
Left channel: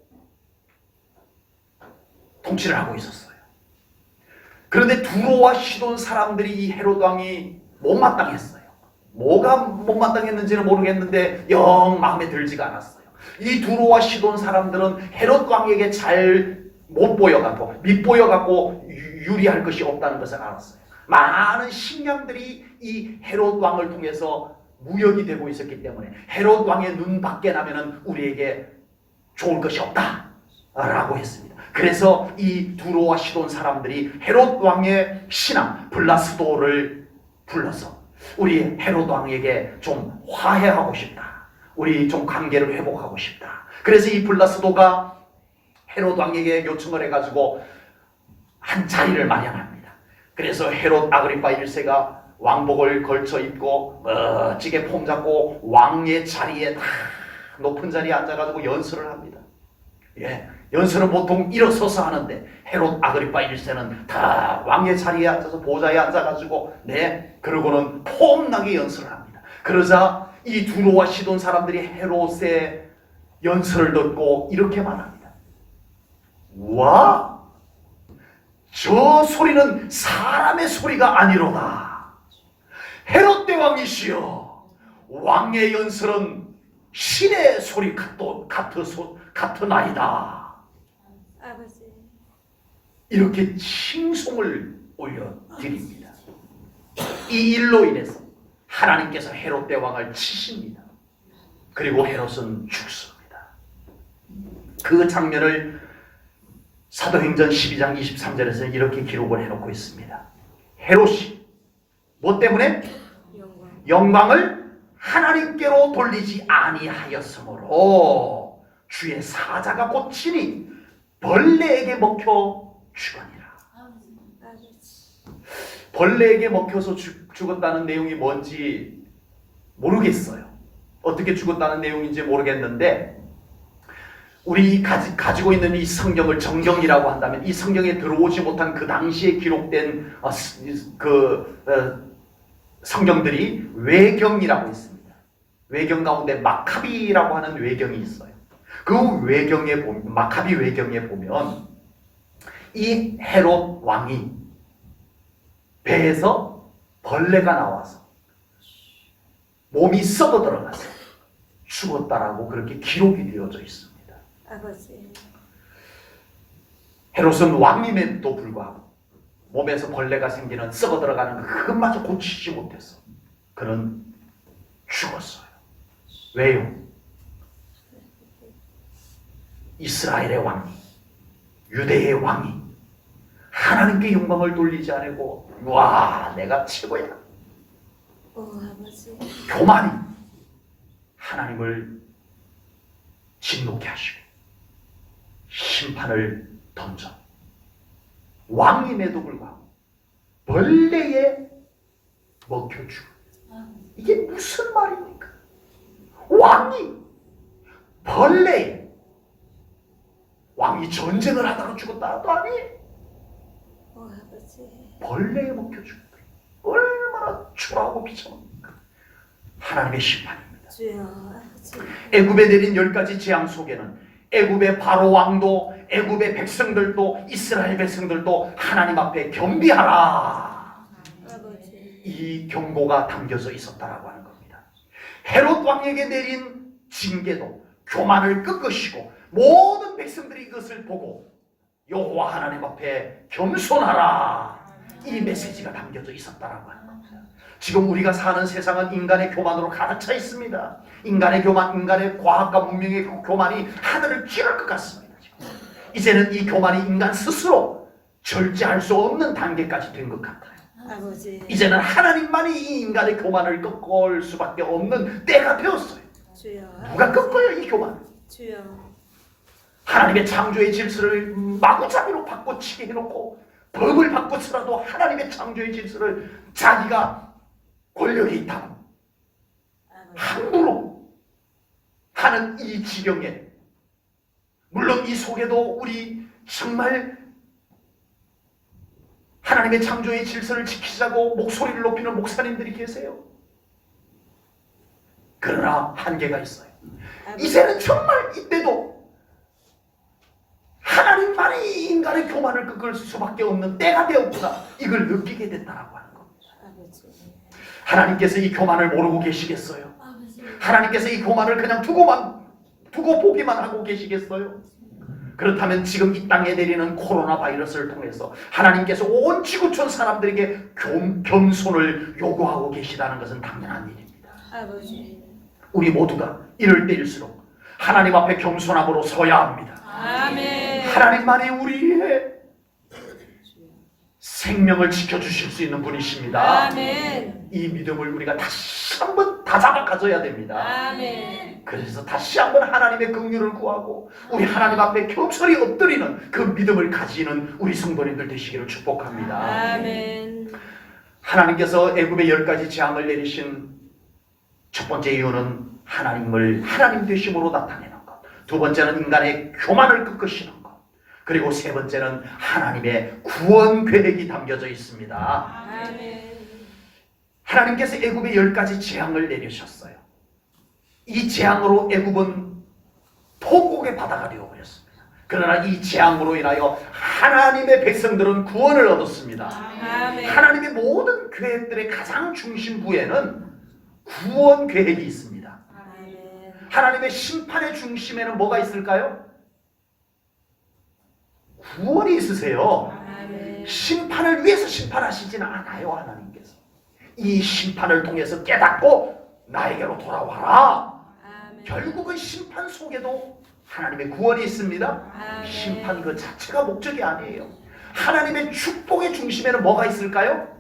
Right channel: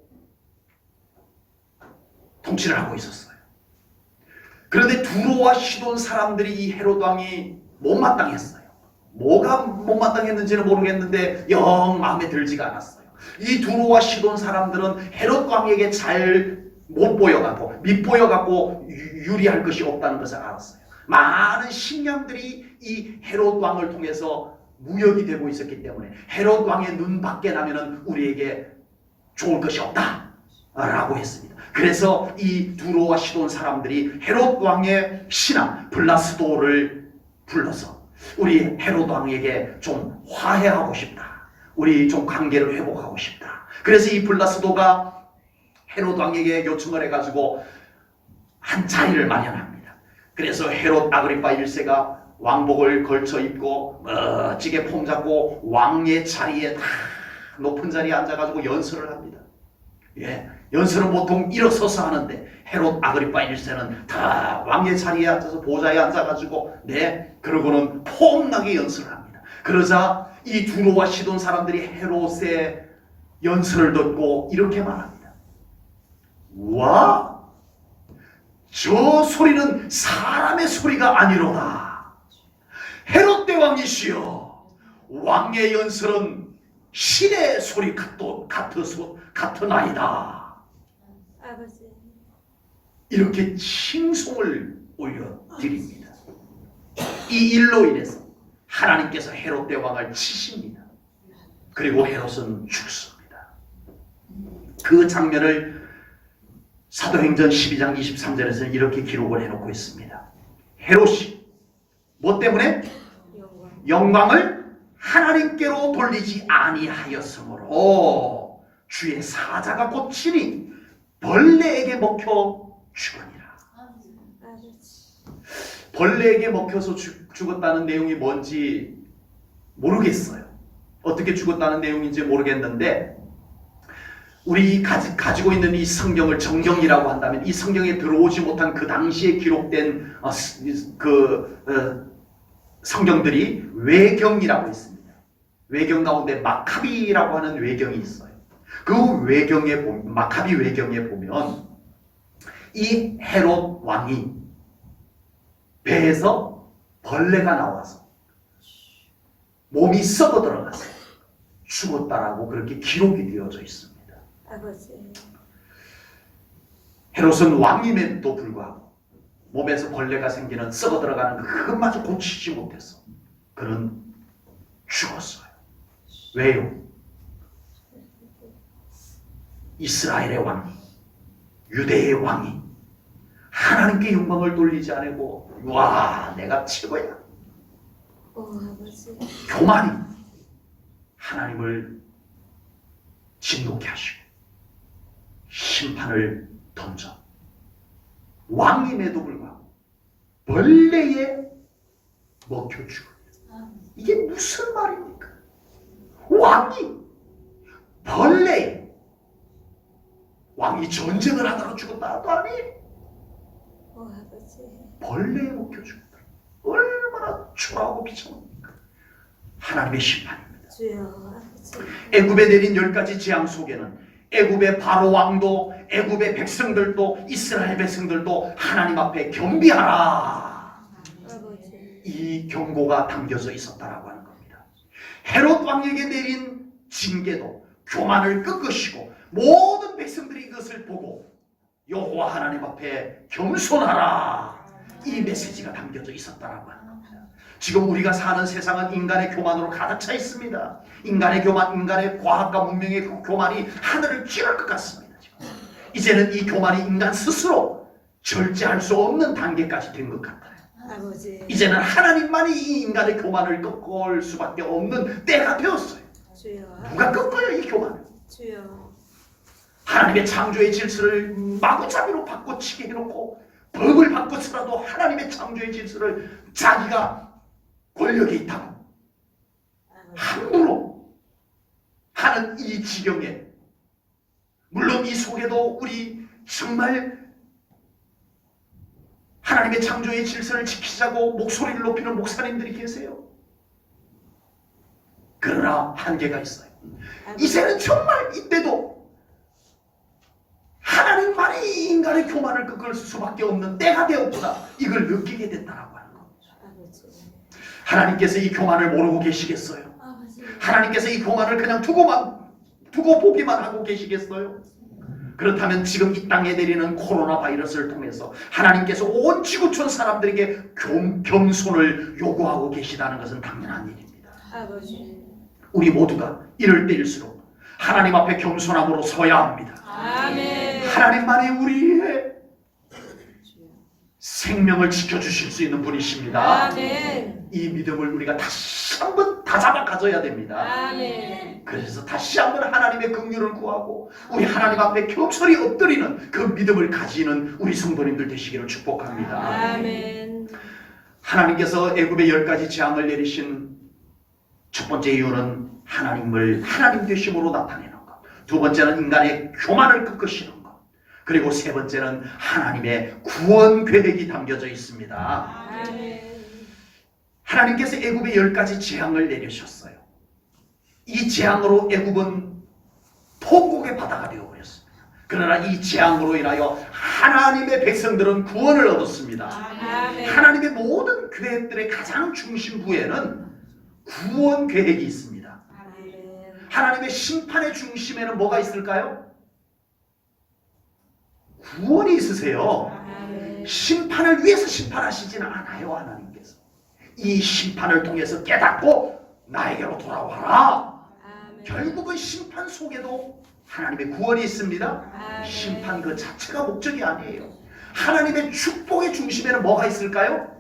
통치를 하고 있었어요. 그런데 두로와 시돈 사람들이 이 헤롯 왕이 못마땅했어요. 뭐가 못마땅했는지는 모르겠는데 영 마음에 들지가 않았어요. 이 두로와 시돈 사람들은 헤롯 왕에게 잘 못 보여갖고 밉보여갖고 유리할 것이 없다는 것을 알았어요. 많은 식량들이 이 헤롯 왕을 통해서 무역이 되고 있었기 때문에 헤롯 왕의 눈 밖에 나면은 우리에게 좋을 것이 없다 라고 했습니다. 그래서 이 두로와 시돈 사람들이 헤롯 왕의 신하 블라스도를 불러서 우리 헤롯 왕에게 좀 화해하고 싶다, 우리 좀 관계를 회복하고 싶다. 그래서 이 블라스도가 헤롯 왕에게 요청을 해가지고 한 자리를 마련합니다. 그래서 헤롯 아그리파 1세가 왕복을 걸쳐 입고 멋지게 폼 잡고 왕의 자리에 다 높은 자리에 앉아가지고 연설을 합니다. 예, 연설은 보통 일어서서 하는데 헤롯 아그리파 1세는 다 왕의 자리에 앉아서 보좌에 앉아가지고 그러고는 폼나게 연설을 합니다. 그러자 이 두로와 시돈 사람들이 헤롯의 연설을 듣고 이렇게 말합니다. 와, 저 소리는 사람의 소리가 아니로다. 헤롯 대왕이시여, 왕의 연설은 신의 소리 같으나이다. 아버지. 이렇게 칭송을 올려드립니다. 이 일로 인해서 하나님께서 헤롯 대왕을 치십니다. 그리고 헤롯은 죽습니다. 그 장면을 사도행전 12장 23절에서 이렇게 기록을 해놓고 있습니다. 헤롯이 뭐 때문에? 영광을 하나님께로 돌리지 아니하였으므로 주의 사자가 곧 친히 벌레에게 먹혀 죽으니라. 벌레에게 먹혀서 죽었다는 내용이 뭔지 모르겠어요. 어떻게 죽었다는 내용인지 모르겠는데 우리 가지고 있는 이 성경을 정경이라고 한다면 이 성경에 들어오지 못한 그 당시에 기록된 성경들이 외경이라고 있습니다. 외경 가운데 마카비라고 하는 외경이 있어요. 그 외경에 보면, 마카비 외경에 보면 이 헤롯 왕이 배에서 벌레가 나와서 몸이 썩어 들어가서 죽었다라고 그렇게 기록이 되어져 있습니다. 아버지. 헤롯은 왕임에도 불구하고 몸에서 벌레가 생기는 썩어 들어가는 그것마저 고치지 못했어. 그는 죽었어요. 왜요? 이스라엘의 왕이, 유대의 왕이 하나님께 영광을 돌리지 않고 와 내가 최고야, 아버지. 교만이 하나님을 진노케 하시고 심판을 던져 왕임에도 불구하고 벌레에 먹혀 죽어. 이게 무슨 말입니까? 왕이 벌레에, 왕이 전쟁을 하다가 죽었다도 아니에요. 아버지. 벌레에 먹혀 죽었다. 얼마나 초라하고 비참합니까? 하나님의 심판입니다. 주여. 아버지. 애굽에 내린 10가지 재앙 속에는 애굽의 바로 왕도 애굽의 백성들도 이스라엘 백성들도 하나님 앞에 겸비하라, 아버지. 이 경고가 담겨져 있었다라고 하는 겁니다. 헤롯 왕에게 내린 징계도 교만을 꺾으시고 모든 백성들이 이것을 보고 여호와 하나님 앞에 겸손하라, 이 메시지가 담겨져 있었다라고 하는 겁니다. 지금 우리가 사는 세상은 인간의 교만으로 가득 차 있습니다. 인간의 교만, 인간의 과학과 문명의 교만이 하늘을 찌를 것 같습니다. 지금. 이제는 이 교만이 인간 스스로 절제할 수 없는 단계까지 된 것 같아요. 아버지. 이제는 하나님만이 이 인간의 교만을 꺾을 수밖에 없는 때가 되었어요. 주여. 누가 꺾어요 이 교만을? 주여. 하나님의 창조의 질서를 마구잡이로 바꿔치게 해놓고 법을 바꿔서라도 하나님의 창조의 질서를 자기가 권력이 있다고 함부로 하는 이 지경에, 물론 이 속에도 우리 정말 하나님의 창조의 질서를 지키자고 목소리를 높이는 목사님들이 계세요. 그러나 한계가 있어요. 이제는 정말 이때도 하나님만이 인간의 교만을 꺾을 수밖에 없는 때가 되었구나, 이걸 느끼게 됐다라고 하는 겁니다. 하나님께서 이 교만을 모르고 계시겠어요? 아버지. 하나님께서 이 교만을 그냥 두고 보기만 하고 계시겠어요? 그렇다면 지금 이 땅에 내리는 코로나 바이러스를 통해서 하나님께서 온 지구촌 사람들에게 겸손을 요구하고 계시다는 것은 당연한 일입니다. 아버지. 우리 모두가 이럴 때일수록 하나님 앞에 겸손함으로 서야 합니다. 아멘. 하나님만이 우리의 생명을 지켜주실 수 있는 분이십니다. 아멘. 이 믿음을 우리가 다시 한번 다잡아 가져야 됩니다. 아멘. 그래서 다시 한번 하나님의 긍휼을 구하고 우리 하나님 앞에 겸손히 엎드리는 그 믿음을 가지는 우리 성도님들 되시기를 축복합니다. 아멘. 하나님께서 애굽에 10가지 재앙을 내리신 첫 번째 이유는 하나님을 하나님 되심으로 나타내는 것, 두 번째는 인간의 교만을 꺾으시는 것, 그리고 세 번째는 하나님의 구원 계획이 담겨져 있습니다. 아멘. 하나님께서 애굽에 10가지 재앙을 내리셨어요. 이 재앙으로 애굽은 통곡의 바다가 되어버렸습니다. 그러나 이 재앙으로 인하여 하나님의 백성들은 구원을 얻었습니다. 아멘. 하나님의 모든 계획들의 가장 중심부에는 구원 계획이 있습니다. 아멘. 하나님의 심판의 중심에는 뭐가 있을까요? 구원이 있으세요. 아멘. 심판을 위해서 심판하시지는 않아요. 하나님께서 이 심판을 통해서 깨닫고 나에게로 돌아와라. 아멘. 결국은 심판 속에도 하나님의 구원이 있습니다. 아멘. 심판 그 자체가 목적이 아니에요. 하나님의 축복의 중심에는 뭐가 있을까요?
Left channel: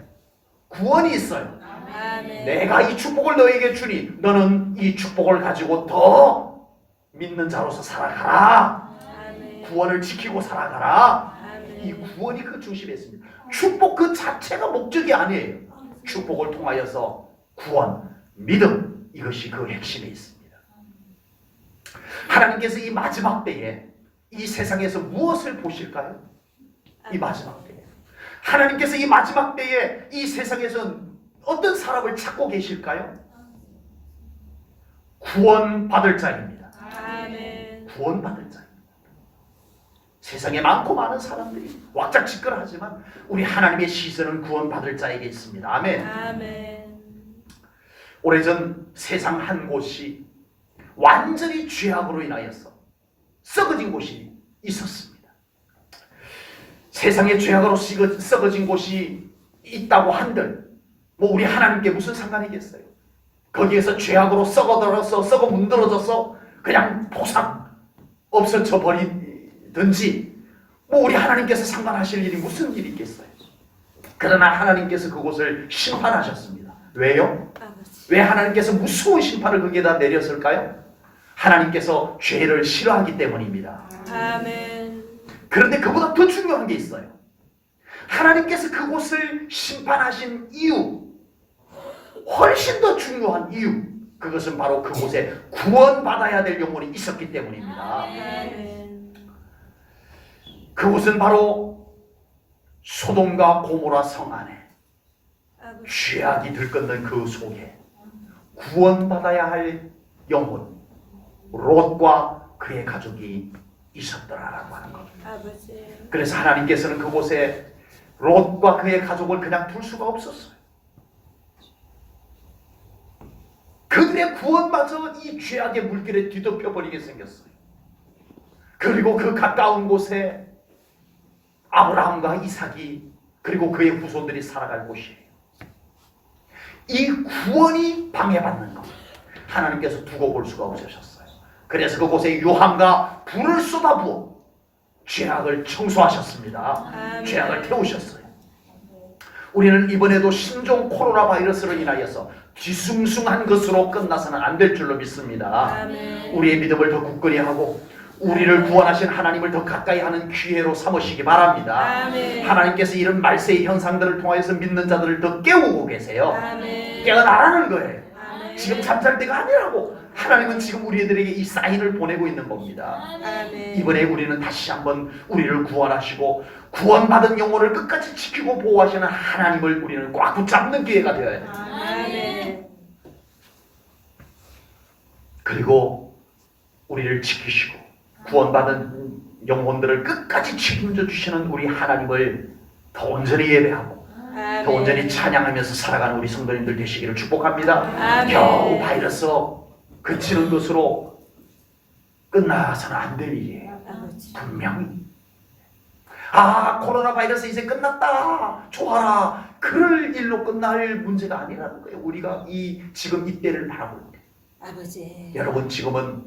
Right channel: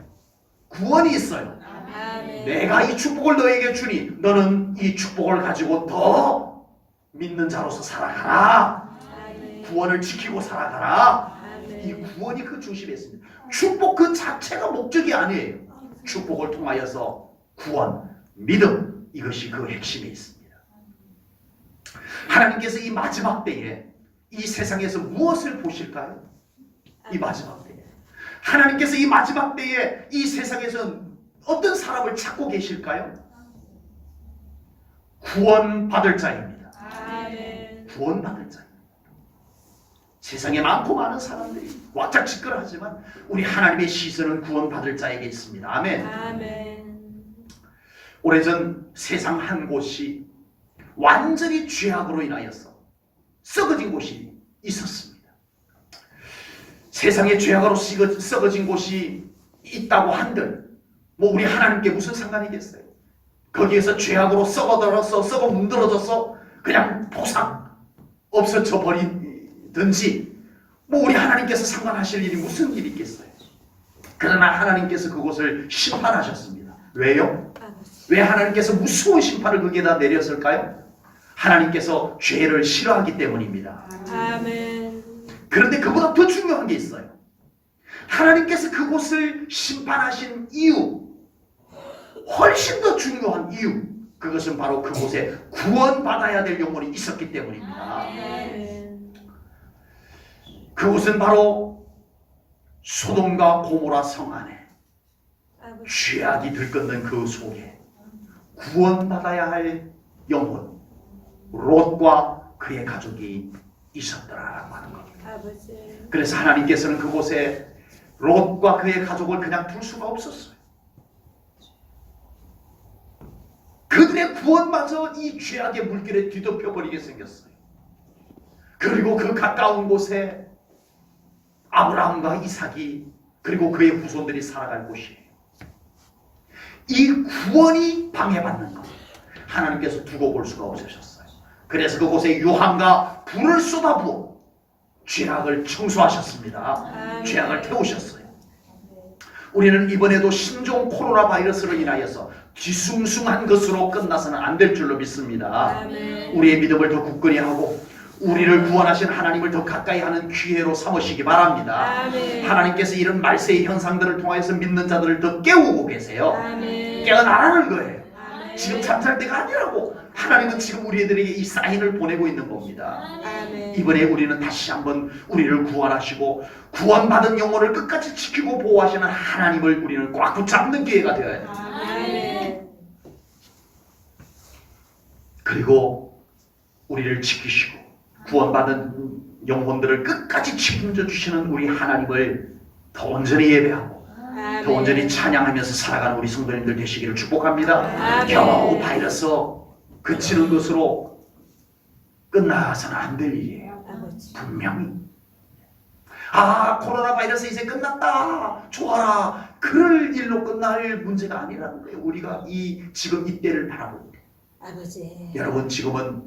구원이 있어요. 아멘. 내가 이 축복을 너에게 주니 너는 이 축복을 가지고 더 믿는 자로서 살아가라. 아멘. 구원을 지키고 살아가라. 이 아멘. 구원이 그 중심에 있습니다. 축복 그 자체가 목적이 아니에요. 축복을 통하여서 구원, 믿음, 이것이 그 핵심에 있습니다. 하나님께서 이 마지막 때에 이 세상에서 무엇을 보실까요? 이 마지막 때에 하나님께서 이 마지막 때에 이 세상에서 어떤 사람을 찾고 계실까요? 구원받을 자입니다. 아멘. 구원받을 자. 세상에 많고 많은 사람들이 왁작지껄하지만 우리 하나님의 시선은 구원받을 자에게 있습니다. 아멘. 아멘. 오래전 세상 한 곳이 완전히 죄악으로 인하여서 썩어진 곳이 있었습니다. 세상에 죄악으로 썩어진 곳이 있다고 한들 뭐 우리 하나님께 무슨 상관이겠어요? 거기에서 죄악으로 썩어 문드러져서 그냥 보상 없어져 버리든지 뭐 우리 하나님께서 상관하실 일이 무슨 일이 있겠어요? 그러나 하나님께서 그곳을 심판하셨습니다. 왜요? 아버지. 왜 하나님께서 무서운 심판을 거기에다 내렸을까요? 하나님께서 죄를 싫어하기 때문입니다. 아멘. 그런데 그보다 더 중요한 게 있어요. 하나님께서 그곳을 심판하신 이유, 훨씬 더 중요한 이유, 그것은 바로 그곳에 구원받아야 될 영혼이 있었기 때문입니다. 아멘. 그곳은 바로 소돔과 고모라 성 안에 아버지. 죄악이 들끓는 그 속에 구원받아야 할 영혼 롯과 그의 가족이 있었더라라고 하는 겁니다. 아버지. 그래서 하나님께서는 그곳에 롯과 그의 가족을 그냥 둘 수가 없었어요. 그들의 구원마저 이 죄악의 물결에 뒤덮여 버리게 생겼어요. 그리고 그 가까운 곳에 아브라함과 이삭이 그리고 그의 후손들이 살아갈 곳이에요. 이 구원이 방해받는 것, 하나님께서 두고 볼 수가 없으셨어요. 그래서 그곳에 유황과 불을 쏟아부어 죄악을 청소하셨습니다. 아멘. 죄악을 태우셨어요. 우리는 이번에도 신종 코로나 바이러스로 인하여서 뒤숭숭한 것으로 끝나서는 안 될 줄로 믿습니다. 아멘. 우리의 믿음을 더 굳건히 하고 우리를 구원하신 하나님을 더 가까이 하는 기회로 삼으시기 바랍니다. 아멘. 하나님께서 이런 말세의 현상들을 통해서 믿는 자들을 더 깨우고 계세요. 아멘. 깨어나라는 거예요. 아멘. 지금 잠잘 때가 아니라고. 하나님은 지금 우리들에게 이 사인을 보내고 있는 겁니다. 아멘. 이번에 우리는 다시 한번 우리를 구원하시고 구원받은 영혼을 끝까지 지키고 보호하시는 하나님을 우리는 꽉 붙잡는 기회가 되어야 됩니다. 아멘. 그리고 우리를 지키시고 구원받은 영혼들을 끝까지 책임져 주시는 우리 하나님을 더 온전히 예배하고 더 더 온전히 찬양하면서 살아가는 우리 성도님들 되시기를 축복합니다. 아멘. 겨우 바이러스 그치는 것으로 끝나서는 안 될 일이에요. 아버지. 분명히 코로나 바이러스 이제 끝났다 좋아라 그럴 일로 끝날 문제가 아니라는 거예요. 우리가 지금 이때를 바라볼 때 아버지. 여러분 지금은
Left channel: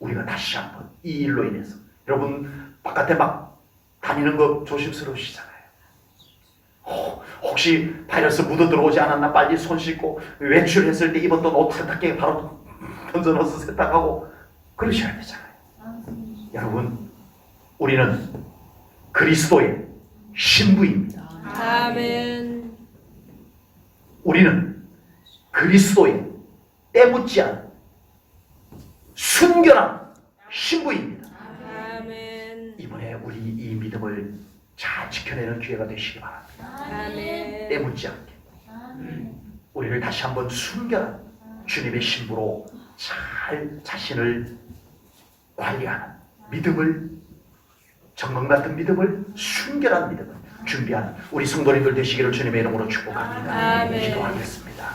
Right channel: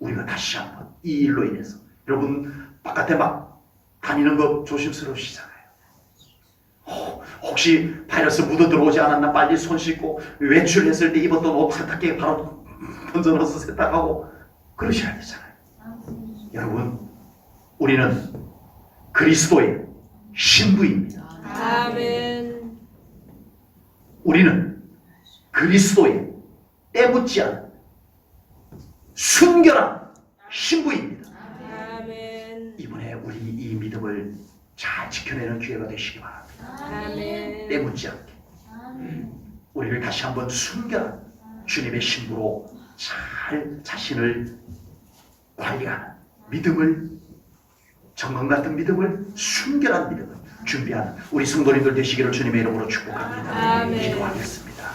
우리가 다시 한번 이 일로 인해서 여러분 바깥에 막 다니는 거 조심스러우시잖아요. 혹시 바이러스 묻어 들어오지 않았나 빨리 손 씻고 외출했을 때 입었던 옷 세탁기에 바로 던져넣어서 세탁하고 그러셔야 되잖아요. 여러분 우리는 그리스도의 신부입니다. 아멘. 우리는 그리스도의 때묻지 않은 순결한 신부입니다. 아멘. 이번에 우리 이 믿음을 잘 지켜내는 기회가 되시기 바랍니다. 아멘. 때묻지 않게 우리를 다시 한번 순결한 주님의 신부로 잘 자신을 관리하는 믿음을 정금 같은 믿음을 순결한 믿음을 준비하는 우리 성도님들 되시기를 주님의 이름으로 축복합니다. 아멘. 기도하겠습니다.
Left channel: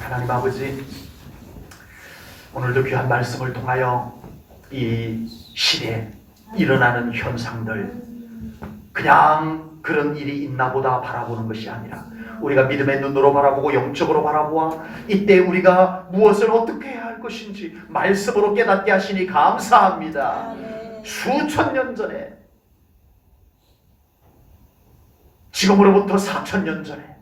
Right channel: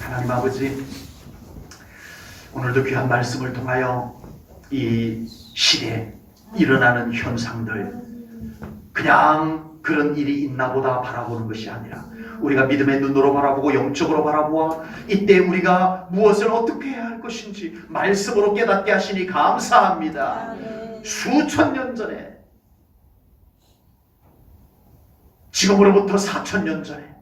하나님 아버지 오늘도 귀한 말씀을 통하여 이 시대에 일어나는 현상들 그냥 그런 일이 있나 보다 바라보는 것이 아니라 우리가 믿음의 눈으로 바라보고 영적으로 바라보아 이때 우리가 무엇을 어떻게 해야 할 것인지 말씀으로 깨닫게 하시니 감사합니다. 수천 년 전에 지금으로부터 4,000년 전에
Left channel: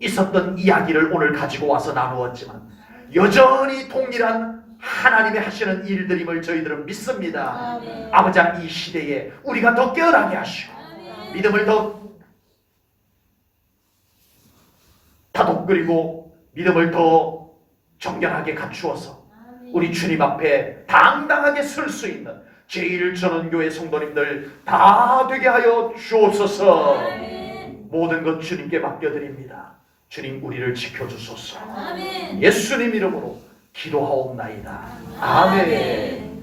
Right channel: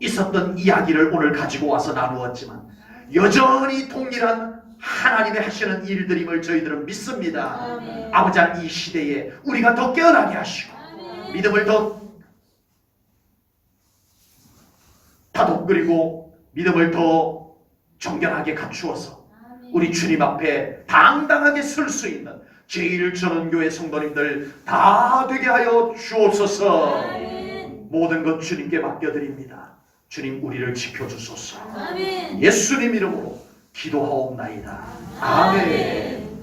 있었던 이야기를 오늘 가지고 와서 나누었지만 여전히 동일한 하나님의 하시는 일들임을 저희들은 믿습니다. 아버지 이 시대에 우리가 더 깨어나게 하시고 믿음을 더 다독거리고 믿음을 더 정결하게 갖추어서 우리 주님 앞에 당당하게 설 수 있는 제1전원교회 성도님들 다 되게 하여 주옵소서. 모든 것 주님께 맡겨드립니다. 주님 우리를 지켜주소서. 예수님 이름으로 기도하옵나이다. 아멘.